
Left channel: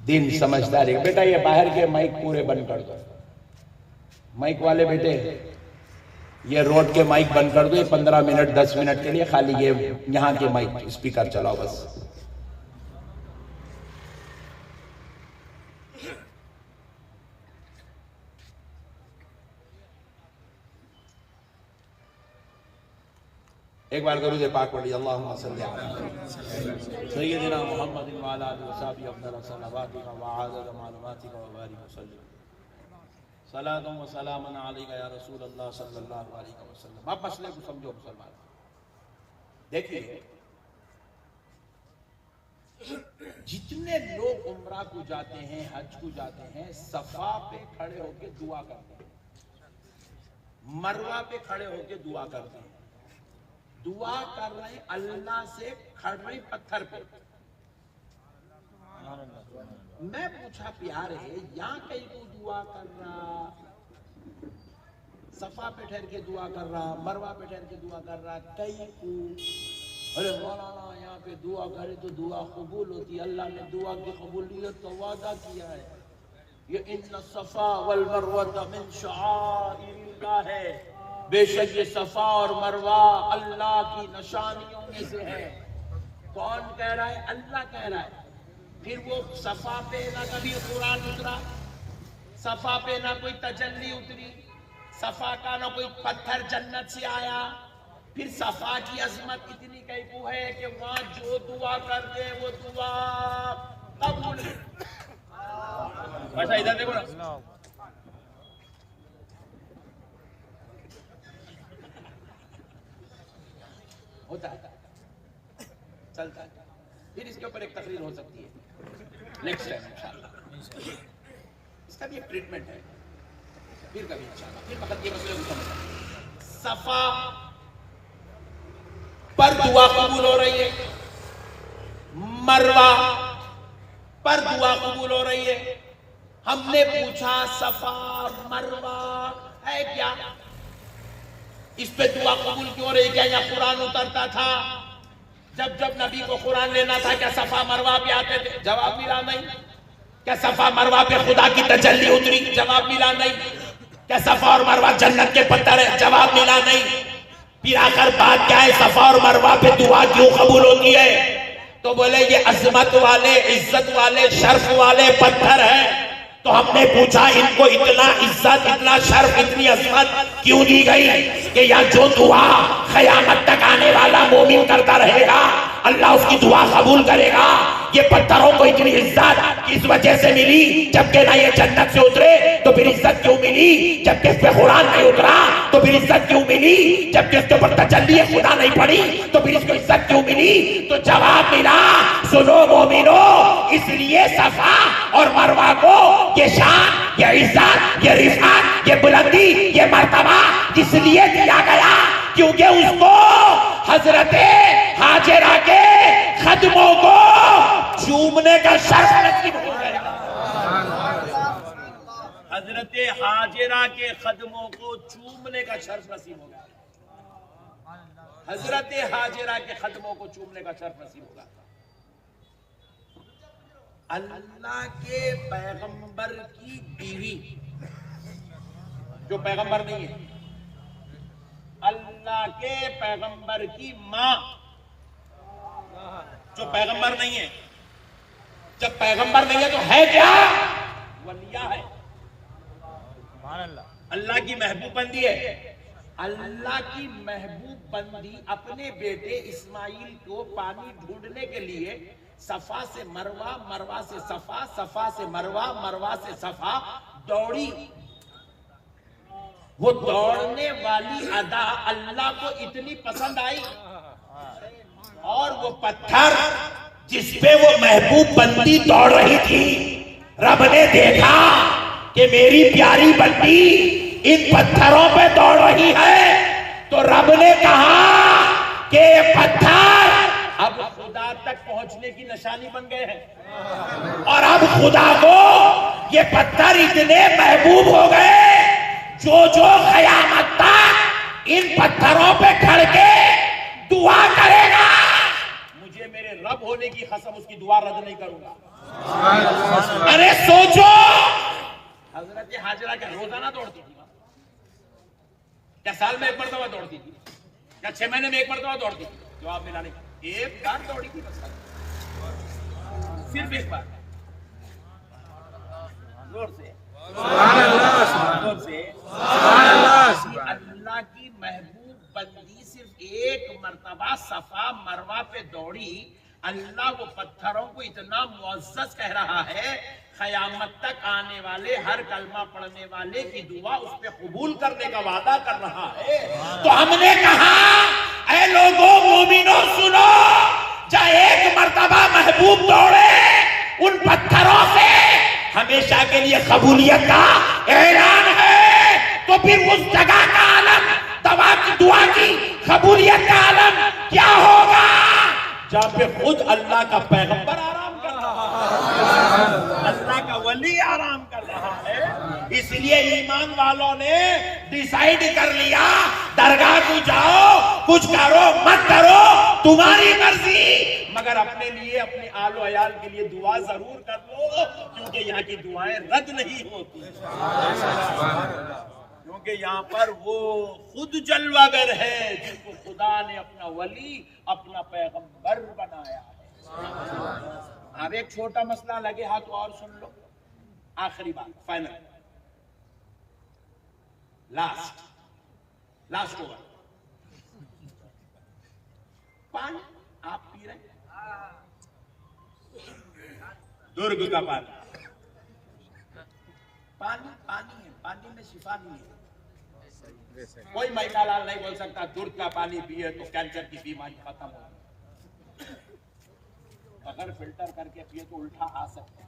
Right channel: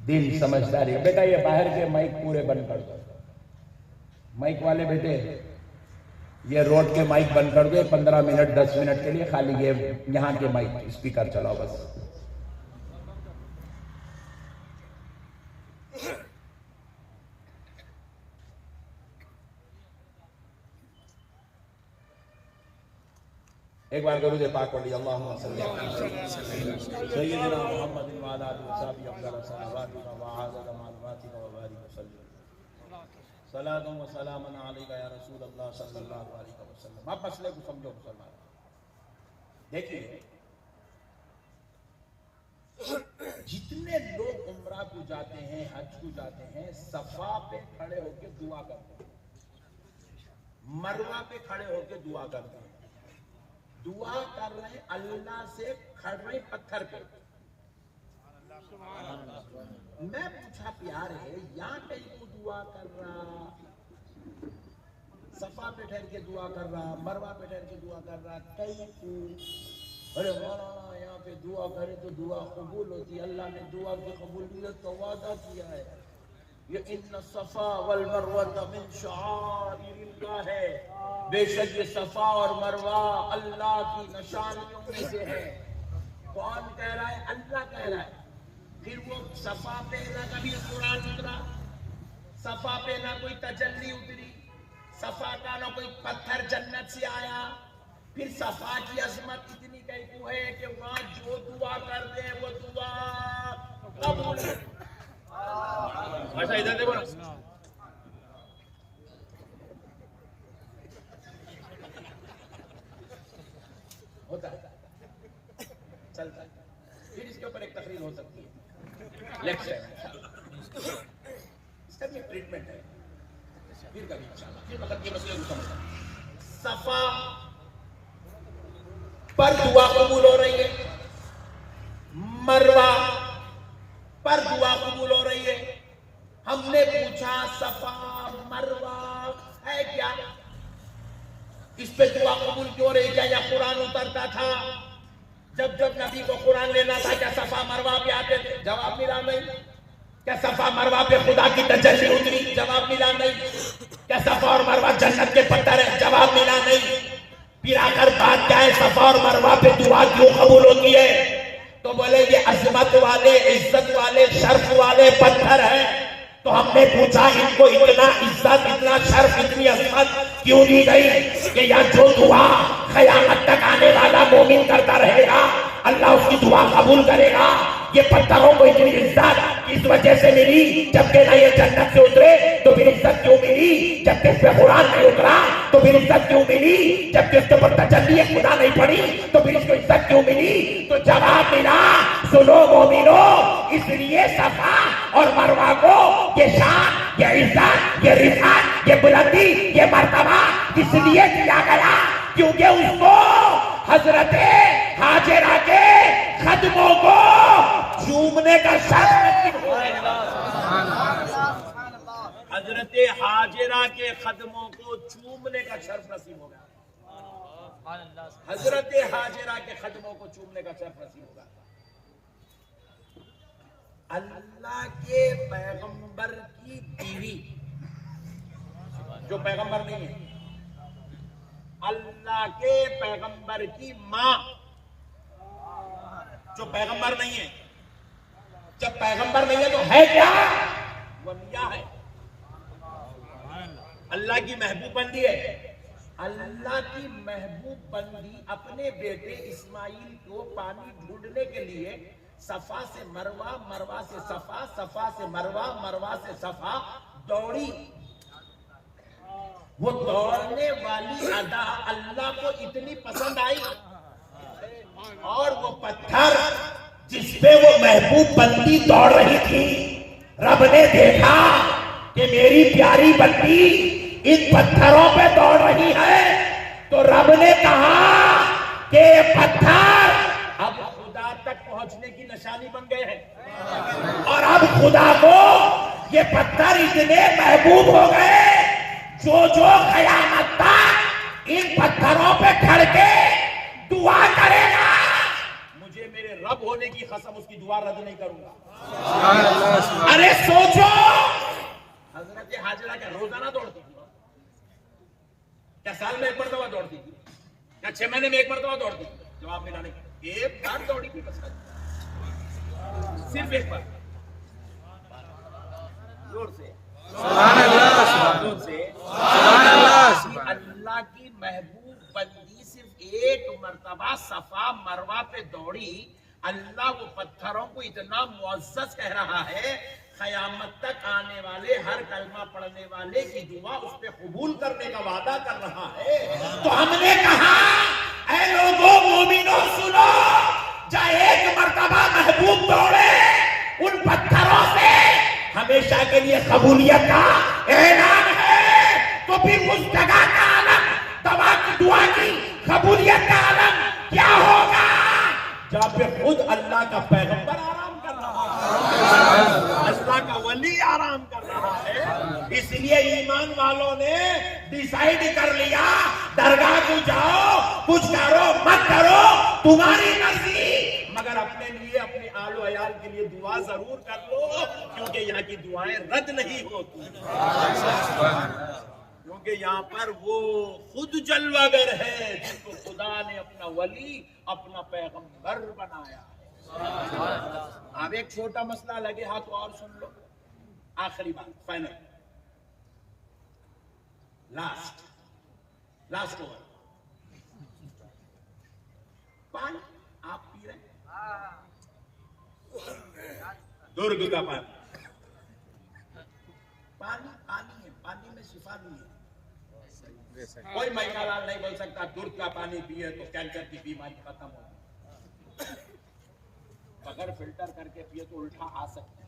دین سمجھداری۔ بیٹا یہ باہر کے مائک پورے بند کر دو، مائک والے بیٹے یہ روڈ کے مائک بند کر دو، 15 منٹ 10 منٹ کے لیے خالی یہ یہاں کے مائک اسپیکر چلاؤ بس۔ ایک بار درود پاک پڑھی، اللہم صلی علی سیدنا محمد وعلی آلہ وصحبہ افضل صلواتک وعدد معلوماتک وبارک وسلم، صلاۃ و سلام علیک یا رسول اللہ صلی اللہ علیہ وسلم۔ اب مسئلے کو سمجھو مسلمان۔ دیکھیے، جتنے لوگ عمرہ کو جاتے ہیں، حج کو جاتے ہیں، صفا پہ کھڑے ہو کے دعا کرتے ہیں، مروہ پہ کھڑے ہو کے دعا کرتے ہیں، دعا کر رہے ہیں اللہ سے، کھڑ رہے ہیں پتھر پہ۔ میں پوچھا پیارے، یہاں کہیں کو دعا کر رہا، صفا پہ ٹھہر کے دعا کر رہا، مروہ پہ ٹھہر کے دعا کر رہا، کہیں کو ارے مولانا یہاں پہ دعا کرے تو دعا قبول ہوتی ہے، اللہ نے دعا کی قبولیت کا وعدہ کیا ہے، یہ ان الصفا والمروہ من شعائر اللہ ہے، بے شک یہ صفا اور مروہ اللہ کی نشانیوں میں سے ہے۔ کون کہہ رہا ہے؟ اللہ کہہ رہا ہے۔ پھر وہ صفا پہ نہ کبھی قرآن اترا، صفا پہ نہ کوئی تجلی اتری، صفا کا نہ کوئی پتھر جنت سے آیا۔ پھر صفا کی عظمت اتنی کیفو ہے کہ وہاں جو دعا کر دے وہ دعا قبول۔ اچھا ادھر دیکھو نا، ہوتا ہے، چلتا ہے، پھر اس کے اوپر ایک تقریر ہو سکتی ہے، لیکچر، اس کا بھی ایک ٹریٹمنٹ ہے، پھر کبھی انشاءاللہ۔ پھر فقط یہ مسئلے کو سمجھیں، صفا پر دعا قبول ہو رہی ہے، مروہ پر دعا قبول ہو رہی ہے۔ ہم نے پوچھا صفا مروہ ہے کیا؟ اس پہ دعا قبول کیوں رہی؟ کیا یا قرآن اترتا تھا؟ جب جب نبی کو قرآن لینا تھا کیا صفا مروہ پہ آتے تھے؟ جواب ملا نہیں۔ کیا صفا مروہ پہ خدا کی تجلی اتری؟ جواب ملا نہیں۔ کیا صفا اور مروہ جنت کے پتھر ہے؟ جواب ملا نہیں۔ پھر آخر بات کیا ہے؟ صفا اور مروہ پہ دعا کیوں قبول ہوتی ہے؟ تو بولے یہ عظمت والے، عزت والے، شرف والے پتھر ہیں۔ تو ہم نے پوچھا ان کو اتنا عزت، اتنا شرف، اتنی عظمت کیوں دی گئی کہ یا جو دعا قیامت تک آنے والا مومن کرتا رہے گا اللہ اس کی دعا قبول کرے گا۔ یہ پتھروں کو اتنی عزت اس وجہ سے ملی جبکہ نہ یہ جنت سے اترے تو پھر عزت کیوں ملی جب کہ اس پہ قرآن نہیں اترا؟ تو پھر عزت کیوں ملی جب کہ اس کے اوپر تجلی خدا نہیں پڑی؟ تو پھر اس کو عزت کیوں ملی؟ تو جواب ملا، سنو مومنو، اس لیے صفا اور مروہ کو یہ شان، یہ عزت، یہ رفعت، یہ بلندی، یہ مرتبہ اس لیے دیا گیا کیونکہ اس کو حضرت ہاجرہ کے قدموں کو چومنے کا شرف نصیب ہو گیا۔ حضرت ہاجرہ کے قدموں کو چومنے کا شرف نصیب ہو گیا۔ حضرت ہاجرہ کے قدموں کو چومنے کا شرف نصیب ہوگا۔ اللہ کے پیغمبر کی بیوی جو پیغمبر نہیں ہے، اللہ کے پیغمبر کی ماں جو پیغمبر نہیں ہے، جب پیغمبر نہیں ہے تو ہے کیا؟ ولیہ ہے، اللہ کی محبوب بندی ہے۔ اللہ کی محبوب بندی اپنے بیٹے اسماعیل کو پانی ڈھونڈنے کے لیے صفا سے مروہ، مروہ سے صفا، صفا سے مروہ، مروہ سے صفا دوڑی۔ وہ دوڑنے والی ادا اللہ کو اتنی پسند آئی، اور وہ پتھر جس پہ وہ محبوب بندی دوڑ رہی تھی، رب نے دیکھا کہ میری پیاری بندی ان پتھروں پہ دوڑ رہی ہے، تو رب نے کہا کہ یہ پتھر اب خدا تک پہنچنے کی نشانی بن گئے ہیں، اور اب خدا کو یہ پتھر اتنے محبوب ہو گئے جو قیامت تک ان پتھروں پہ کھڑ کے دعا کرے گا، مجھے میرے رب ہونے کی قسم اس کی دعا رد نہیں کروں گا۔ ارے سوچو، حضرت ہاجرہ کیا روزانہ دوڑتی تھی؟ کیا سال میں ایک مرتبہ دوڑتی تھی؟ کیا 6 مہینے میں ایک مرتبہ دوڑتی تھی؟ جواب ملا نہیں، ایک بار دوڑی تھی بس، صرف ایک بار، زور سے سبحان اللہ، زور سے سبحان اللہ، سبحان اللہ کی محبوب بندی صرف ایک مرتبہ صفا مروہ پہ دوڑی، اللہ وہ پتھروں کو اتنا معزز کہہ رہا ہے، قیامت تک آنے والے ہر کلمہ پڑھنے والے کی دعا اس پہ قبول کرنے کا وعدہ کر رہا ہے۔ تو ہم نے کہا اے لوگوں مومنوں سنو، جب ایک مرتبہ محبوب دوڑے ان پتھروں سے ہمیشہ کے لیے قبولیت کا اعلان ہے، تو پھر اس جگہ کا عالم، دعا کی قبولیت کا عالم کیا ہوگا جہاں پہ خود اللہ کا پیغمبر آرام کر رہا ہے، اللہ کا ولی آرام کر رہا ہے۔ اس لیے ایمان والوں نے ڈیسائیڈ کر لیا، درگاہ کو جاؤ، کچھ کرو مت کرو تمہاری مرضی، مگر اپنے لیے، اپنے آل و عیال کے لیے دعا ضرور کر لو، کیونکہ یہاں کی دعائیں رد نہیں ہوتی، کیونکہ یہاں پر وہ خود جلوہ گر ہے جس کو خدا نے اپنا ولی، اپنا پیغمبر بنایا ہے۔ اب ایک چھوٹا مسئلہ لگے ہاتھ اور سن لو، آخری بات، فائنل، لاسٹ اوور۔ پانی آپ پی رہے ہیں، درگ کا پانی، پانی ہے، پانی میں شفا نہیں ہے۔ کوئی مائکا لال نہیں بول سکتا درگ کا پانی پیے تو کینسر کی بیماری ختم ہوگی، بغیر فلٹر کر کے پیے تو الٹا آ سکتا ہے۔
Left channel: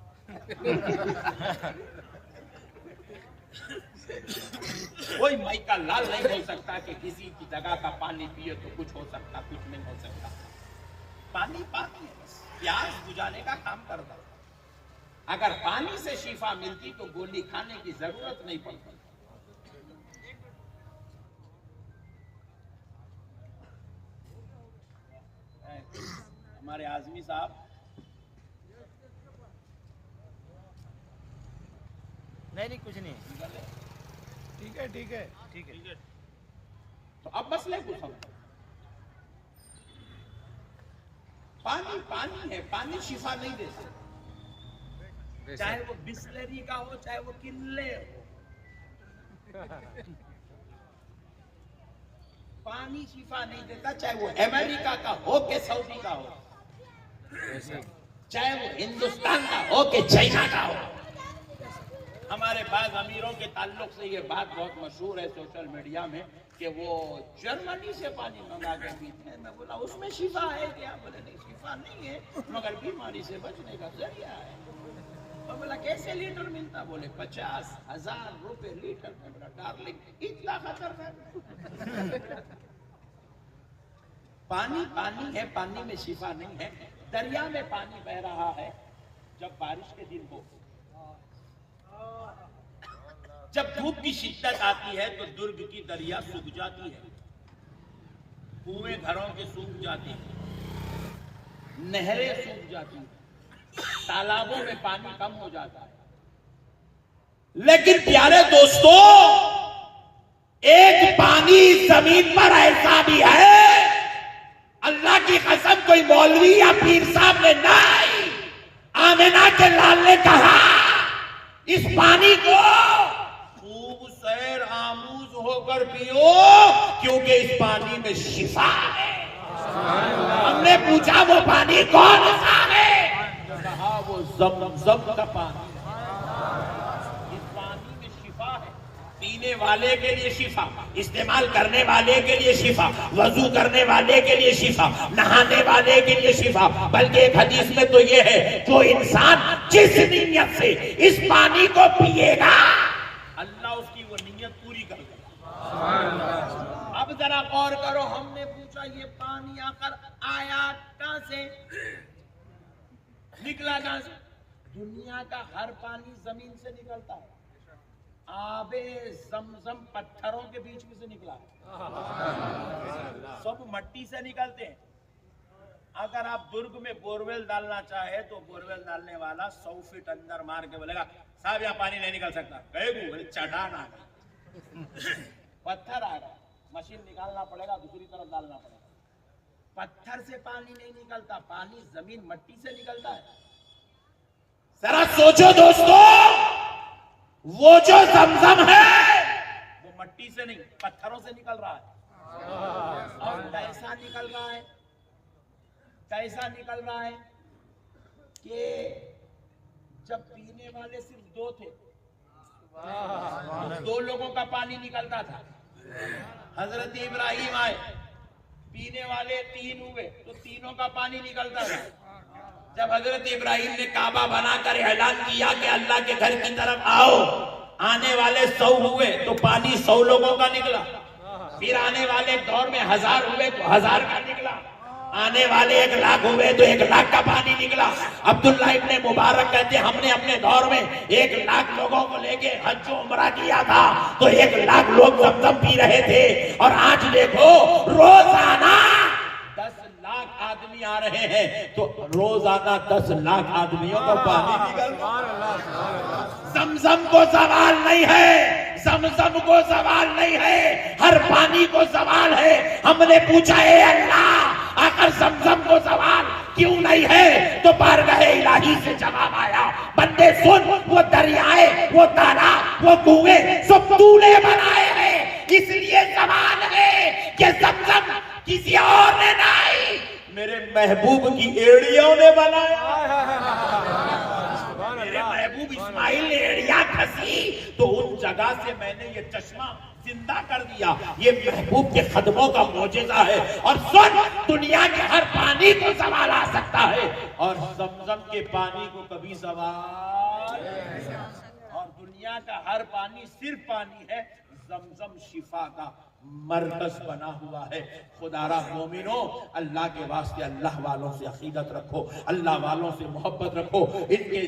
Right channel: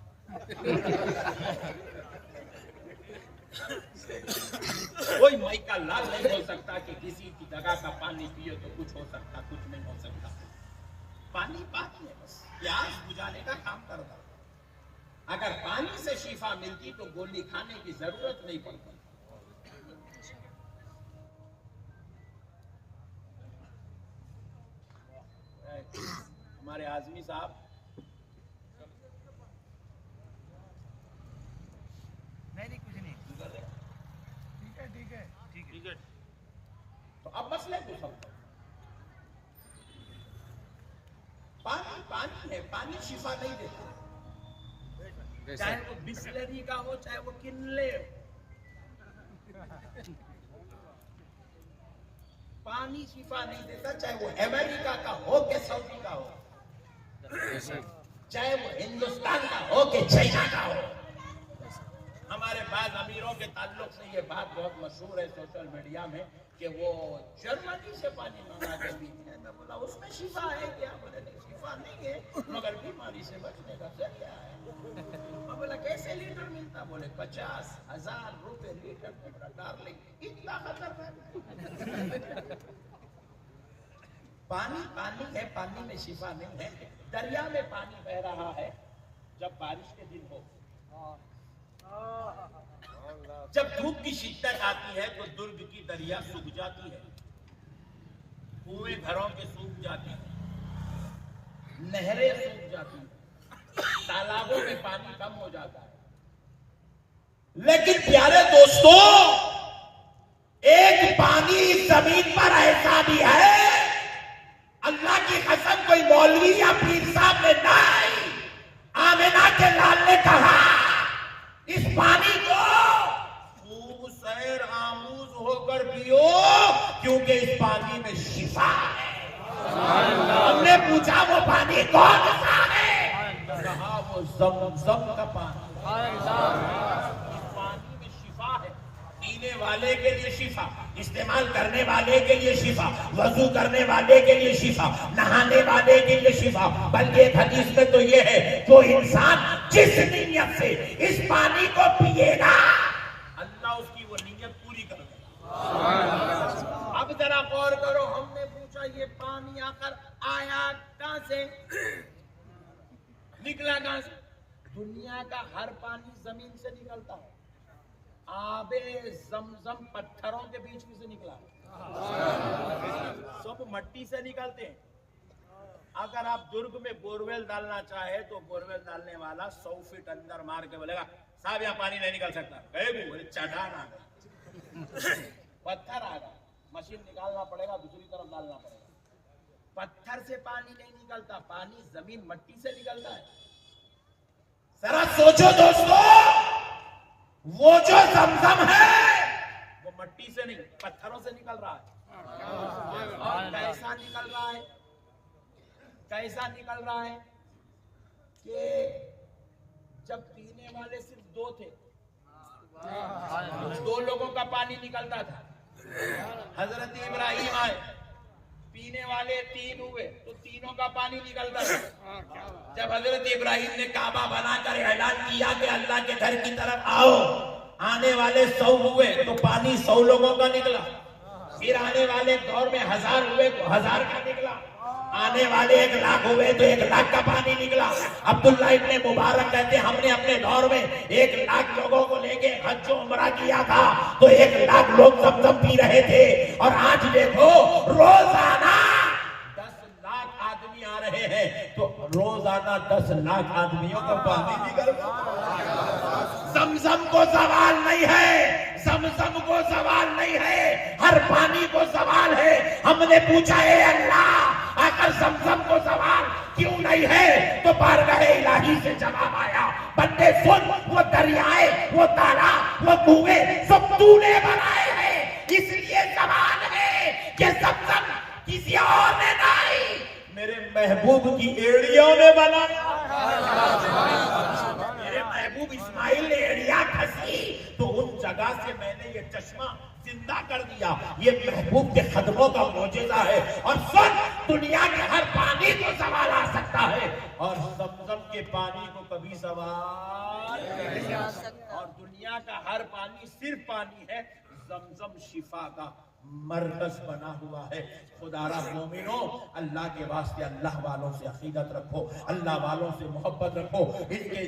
کوئی مائکا لال نہیں بول سکتا کہ کسی کی جگہ کا پانی پیے تو کچھ ہو سکتا، کچھ نہیں ہو سکتا۔ پانی پانی ہے، بس پیاس بجھانے کا کام کرتا۔ اگر پانی سے شفا ملتی تو گولی کھانے کی ضرورت نہیں پڑتی۔ ہمارے اعظمی صاحب نہیں کچھ نہیں، ٹھیک ہے۔ تو اب مسئلے کو سمجھو، پانی پانی ہے، پانی شفا نہیں دیتا، چاہے وہ بسلری کا ہو چاہے وہ کنلے ہو، پانی شفا نہیں دیتا، چاہے وہ امریکہ کا ہو کہ سعودی کا ہو، چاہے وہ ہندوستان کا ہو کہ چائنا کا ہو۔ ہمارے بعض امیروں کے تعلق سے یہ بات بہت مشہور ہے سوشل میڈیا میں کہ وہ جرمنی سے پانی منگا کے پیتے ہیں. میں بولا اس میں شفا ہے کیا؟ بولے نہیں شفا نہیں ہے مگر بیماری سے بچنے کا ذریعہ ہے. میں بولا کیسے لیٹر ملتا؟ بولے 50,000 روپے لیٹر مل رہا. ڈارلنگ اتنا خطرناک پانی پانی ہے، پانی میں شفا نہیں ہے. دریا میں پانی بہ رہا ہے جب بارش کے دن ہو، جب دھوپ کی شدت آتی ہے تو درگ کی دریا سوکھ جاتی ہے، کنویں گھروں کے سوکھ جاتے ہیں، نہریں سوکھ جاتی ہیں، تالابوں میں پانی کم ہو جاتا ہے. لیکن پیارے دوستو، ایک پانی زمین پر ایسا بھی ہے، اللہ کی قسم کوئی مولوی یا پیر صاحب نے نہیں، آمنہ کے لال نے کہا اس پانی کو خوب سیر آموز ہو کر پیو کیونکہ اس پانی میں شفا ہے. ہم نے پوچھا وہ پانی کون سا ہے؟ تو کہا وہ زمزم کا پانی. اس پانی میں شفا ہے، پینے والے کے لیے شفا، استعمال کرنے والے کے لیے شفا، وضو کرنے والے کے لیے شفا، نہانے والے کے لیے شفا. بلکہ ایک حدیث میں تو یہ ہے جو انسان جس نیت سے اس پانی کو پیے گا اللہ اس کی وہ نیت پوری کر دے گا. اب ذرا غور کرو، ہم نے پوچھا یہ پانی آخر آیا کہاں سے، نکلا کہاں سے؟ دنیا کا ہر پانی زمین سے نکلتا ہے. آب زمزم پتھروں کے بیچ میں سے نکلا ہے، سب مٹی سے نکلتے ہیں. اگر آپ درگ میں بورویل ڈالنا چاہے تو بورویل ڈالنے والا 100 فٹ اندر مار کے بولے گا صاحب یہاں پانی نہیں نکل سکتا. چٹان آ گیا، پتھر آ گیا، مشین نکالنا پڑے گا، دوسری طرف ڈالنا پڑے گا. پتھر سے پانی نہیں نکلتا، پانی زمین مٹی سے نکلتا ہے. ذرا سوچو دوستو، وہ جو زمزم ہے وہ مٹی سے نہیں پتھروں سے نکل رہا ہے. اور کیسا نکل رہا ہے؟ کیسا نکل رہا ہے کہ جب پینے والے صرف 2 تھے، 2 لوگوں کا پانی نکلتا تھا. حضرت ابراہیم آئے، پینے والے 3 ہوئے تو تینوں کا پانی نکلتا تھا. جب حضرت ابراہیم نے کعبہ بنا کر اعلان کیا کہ اللہ کے گھر کی طرف آؤ، آنے والے 100 ہوئے تو پانی 100 لوگوں کا نکلا. پھر آنے والے دور میں 1000 ہوئے تو 1000 کا نکلا. آنے والے 1,00,000 ہوئے تو 1,00,000 کا پانی نکلا. عبداللہ ابن مبارک کہتے ہیں ہم نے اپنے دور میں 1,00,000 لوگوں کو لے کے حج و عمرہ کیا تھا تو 1,00,000 لوگ زمزم پی رہے تھے. اور آج دیکھو روزانہ 10,00,000 آدمی آ رہے ہیں تو روزانہ 10,00,000 آدمیوں کا پانی نکل رہا. زمزم کو زوال نہیں ہے، زمزم کو زوال نہیں ہے، ہر پانی کو زوال ہے. ہم نے پوچھا اے اللہ اگر زمزم کو زوال کیوں نہیں ہے تو بارگاہ الہی سے جواب آیا بندے سن، وہ دریائے، وہ تالاب، وہ کنویں سب تو نے بنائے ہیں، اس لیے زوال ہے کہ زمزم کسی اور نے نہیں، میرے محبوب کی ایڑیوں نے بنایا. میرے محبوب اسماعیل نے ایڑیاں کھسی تو ان جگہ سے میں نے یہ چشمہ زندہ کر دیا. یہ محبوب کے قدموں کا معجزہ ہے. اور سن، دنیا کے ہر پانی کو زوال آ سکتا ہے اور زمزم کے پانی کو کبھی زوال نہیں آ سکتا. اور دنیا کا ہر پانی صرف پانی ہے، زمزم شفا کا مرکز بنا ہوا ہے. خدا را مومنوں، اللہ کے واسطے اللہ والوں سے عقیدت رکھو، اللہ والوں سے محبت رکھو، ان کے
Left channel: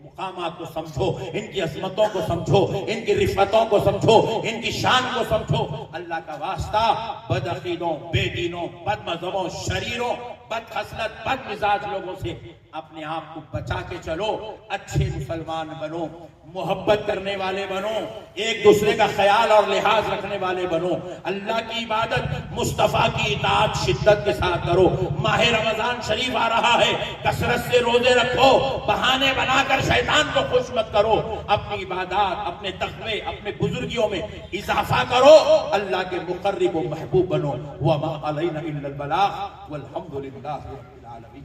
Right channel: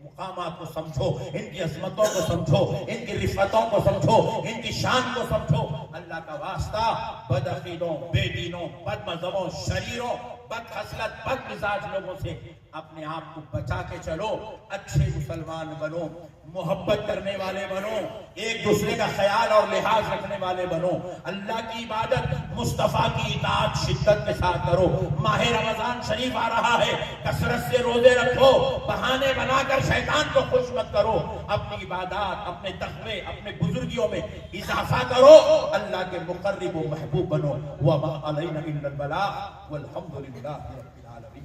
مقامات کو سمجھو، ان کی عظمتوں کو سمجھو، ان کی رفتوں کو سمجھو، ان کی شان کو سمجھو. اللہ کا واسطہ بد عقیدوں، بے دینوں، بد مذہبوں، شریروں، بد خصلت، بد مزاج لوگوں سے اپنے آپ کو بچا کے چلو. اچھے مسلمان بنو، محبت کرنے والے بنو، ایک دوسرے کا خیال اور لحاظ رکھنے والے بنو. اللہ کی عبادت، مصطفیٰ کی اطاعت شدت کے ساتھ کرو. ماہ رمضان شریف آ رہا ہے، کثرت سے روزے رکھو، بہانے بنا کر شیطان کو خوش مت کرو. اپنی عبادات، اپنے تقوی، اپنے بزرگیوں میں اضافہ کرو. اللہ کے مقرب و محبوب بنو. وما علینا الا البلاغ والحمد للہ رب العالمین.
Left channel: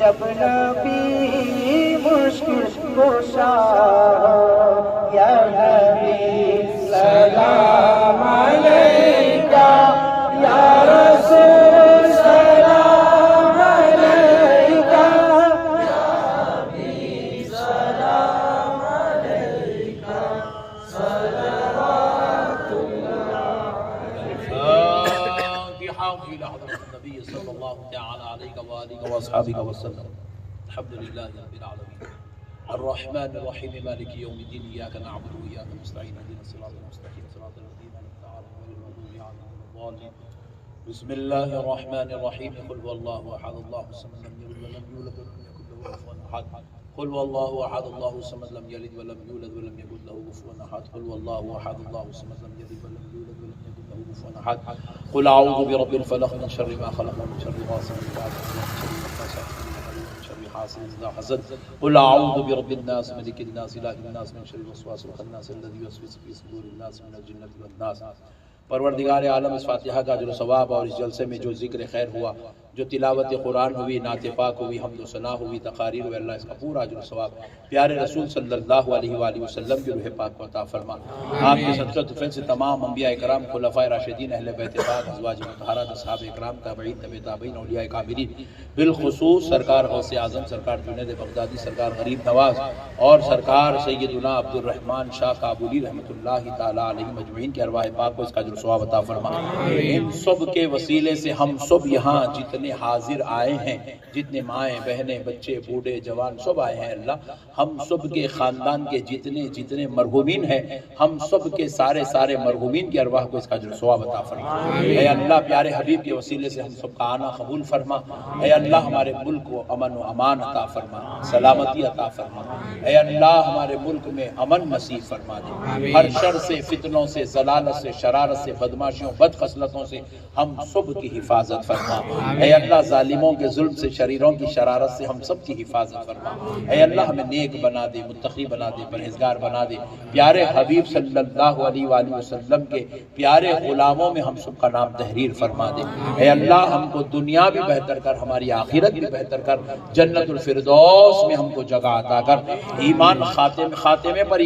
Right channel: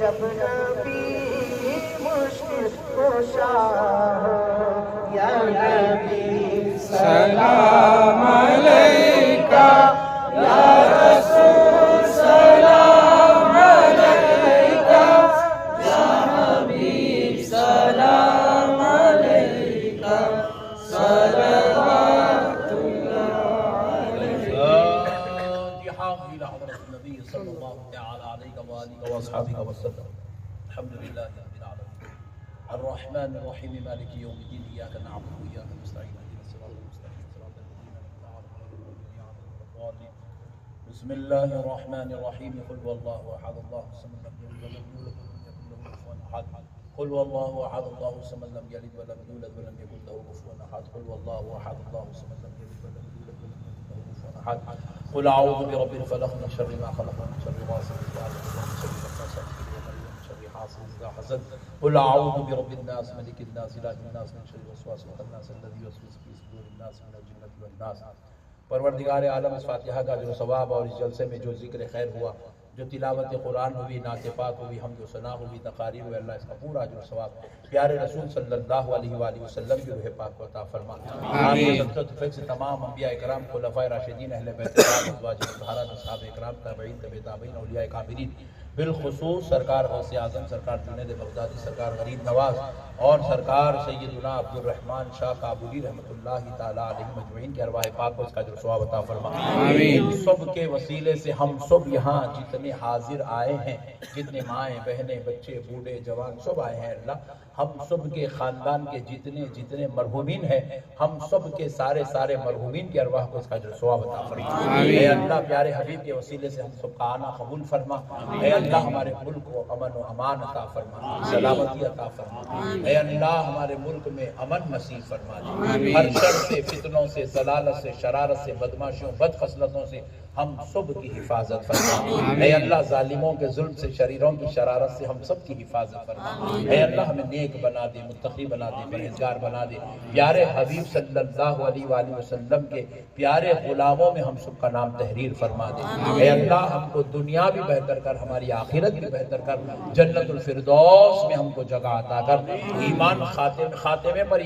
جب نبی مشکل کشا ہو یا نبی سلام علیکہ یا رسول سلام علیکہ یا حبیب سلام علیکہ صلوات اللہ النبي صلى الله تعالى عليه وآله وأصحابه وسلم. الحمد لله رب العالمين الرحمن الرحيم مالك يوم الدين إياك نعبد وإياك نستعين اهدنا الصراط المستقيم صراط الذين أنعمت عليهم غير المغضوب عليهم ولا الضالين. بسم الله الرحمن الرحيم قل هو الله أحد الله الصمد لم يلد ولم يولد ولم يكن له كفوا أحد. قل هو الله أحد الله الصمد لم يلد ولم يولد ولم يكن له كفوا أحد. قل هو الله أحد الله الصمد لم يلد ولم يولد ولم يكن له كفوا أحد. قل أعوذ برب الفلق من شر ما خلق ومن شر غاسق إذا وقب ومن شر حاسد إذا حسد. قل أعوذ برب الناس ملك الناس إله الناس من شر الوسواس الخناس الذي يوسوس في صدور الناس من الجنة والناس. پروردگار عالم اس فاتحہ کا جو ثواب اور اس جلسے میں جو ذکر خیر ہوا، جو تلاوت قرآن ہوئی، نعت پاک ہوئی، حمد و ثنا ہوئی، تقاریر ہوئی، اللہ اس کا پورا اجر و ثواب پیارے رسول صلی اللہ علیہ وآلہ وسلم کی روح پاک کو عطا فرما. آپ کے صدقہ طفیل سے تمام انبیاء کرام، خلفائے راشدین، اہل بیت کرام، ازواج مطہرات، اصحاب کرام، تابعین، تبع تابعین، اولیاء کاملین، بالخصوص سرکار غوث اعظم سرکار جنید بغدادی، سرکار غریب نواز اور سرکار سیدنا عبد الرحمن شاہ کابلی رحمۃ اللہ تعالی علیہ مجمعین کے ارواح پاک کو اس کا اجر و ثواب عطا فرما. ان سب کے وسیلے سے ہم سب یہاں جتنے حاضر آئے ہیں، جتنے مائیں بہنیں بچے بوڑھے جوان سب آئے ہیں، اللہ ہم سب کے خاندان کے جتنے مرحومین ہیں، ہم سب کے سارے مرحومین کے ارواح کو اس کا اجر و ثواب عطا فرما. اے اللہ پیارے حبیب کے وسیلے سے ہم سب کا آنا قبول فرما. اے اللہ ہمارے ملک کو امن و امان عطا فرما، سلامتی عطا فرما. اے اللہ ہمارے ملک میں امن نصیب فرما. ہر شر سے، فتنوں سے، ضلالت سے، شرارت سے، بدماشیوں، بد خصلتوں سے ہم سب کی حفاظت فرما. اے اللہ ظالموں کے ظلم سے، شریروں کی شرارت سے ہم سب کی حفاظت فرما. اے اللہ ہمیں نیک بنا دے، متقی بنا دے، پرہیزگار بنا دے. پیارے حبیب صلی اللہ علیہ وآلہ وسلم کے پیارے غلاموں میں ہم سب کا نام تحریر فرما دے. اے اللہ ہم کو دنیا بھی بہتر کر، ہماری آخرت بھی بہتر کر، جنت الفردوس میں ہم کو جگہ عطا کر. ایمان خاتمے پر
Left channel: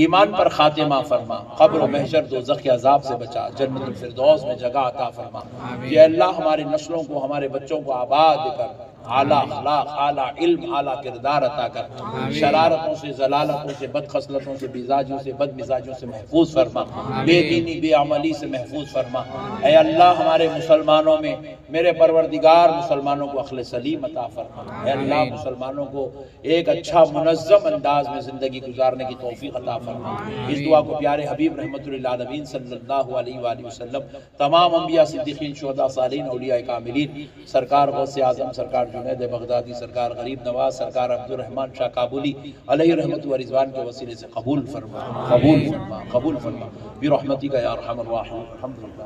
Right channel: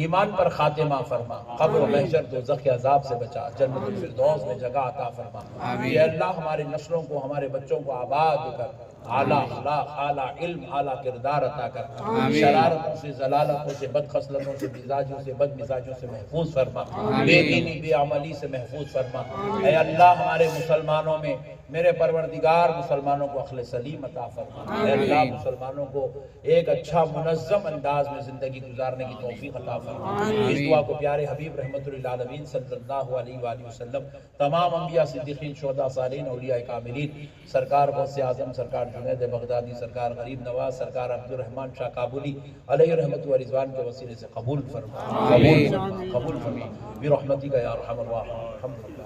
ایمان پر خاتمہ فرما. قبر و محشر دوزخ کے عذاب سے بچا، جنت الفردوس میں جگہ عطا فرما. اے اللہ ہمارے نسلوں کو، ہمارے بچوں کو آباد کر، اعلیٰ اخلاق، اعلیٰ علم، اعلیٰ کردار عطا کر. شرارتوں سے، ضلالتوں سے، بد خصلتوں سے، مزاجوں سے، بد مزاجوں سے محفوظ فرما. بے دینی، بے عملی سے محفوظ فرما. اے اللہ ہمارے مسلمانوں میں، میرے پروردگار مسلمانوں کو عقل سلیم عطا فرما. اے اللہ مسلمانوں کو ایک اچھا منظم انداز میں زندگی گزارنے کی توفیق عطا فرما. اس دعا کو پیارے حبیب رحمت للعالمین صلی اللہ علیہ وآلہ وسلم، تمام انبیاء، صدیقین، شہداء، صالحین، اولیاء کاملین، سرکار غوث اعظم سرکار جنید بغدادی، سرکار غریب نواز، سرکار عبد الرحمن شاہ کابلی علیہ رحمت و رضوان کے وسیلے سے قبول فرما. قبول فرما برحمتک یا ارحم الراحمین. الحمدللہ.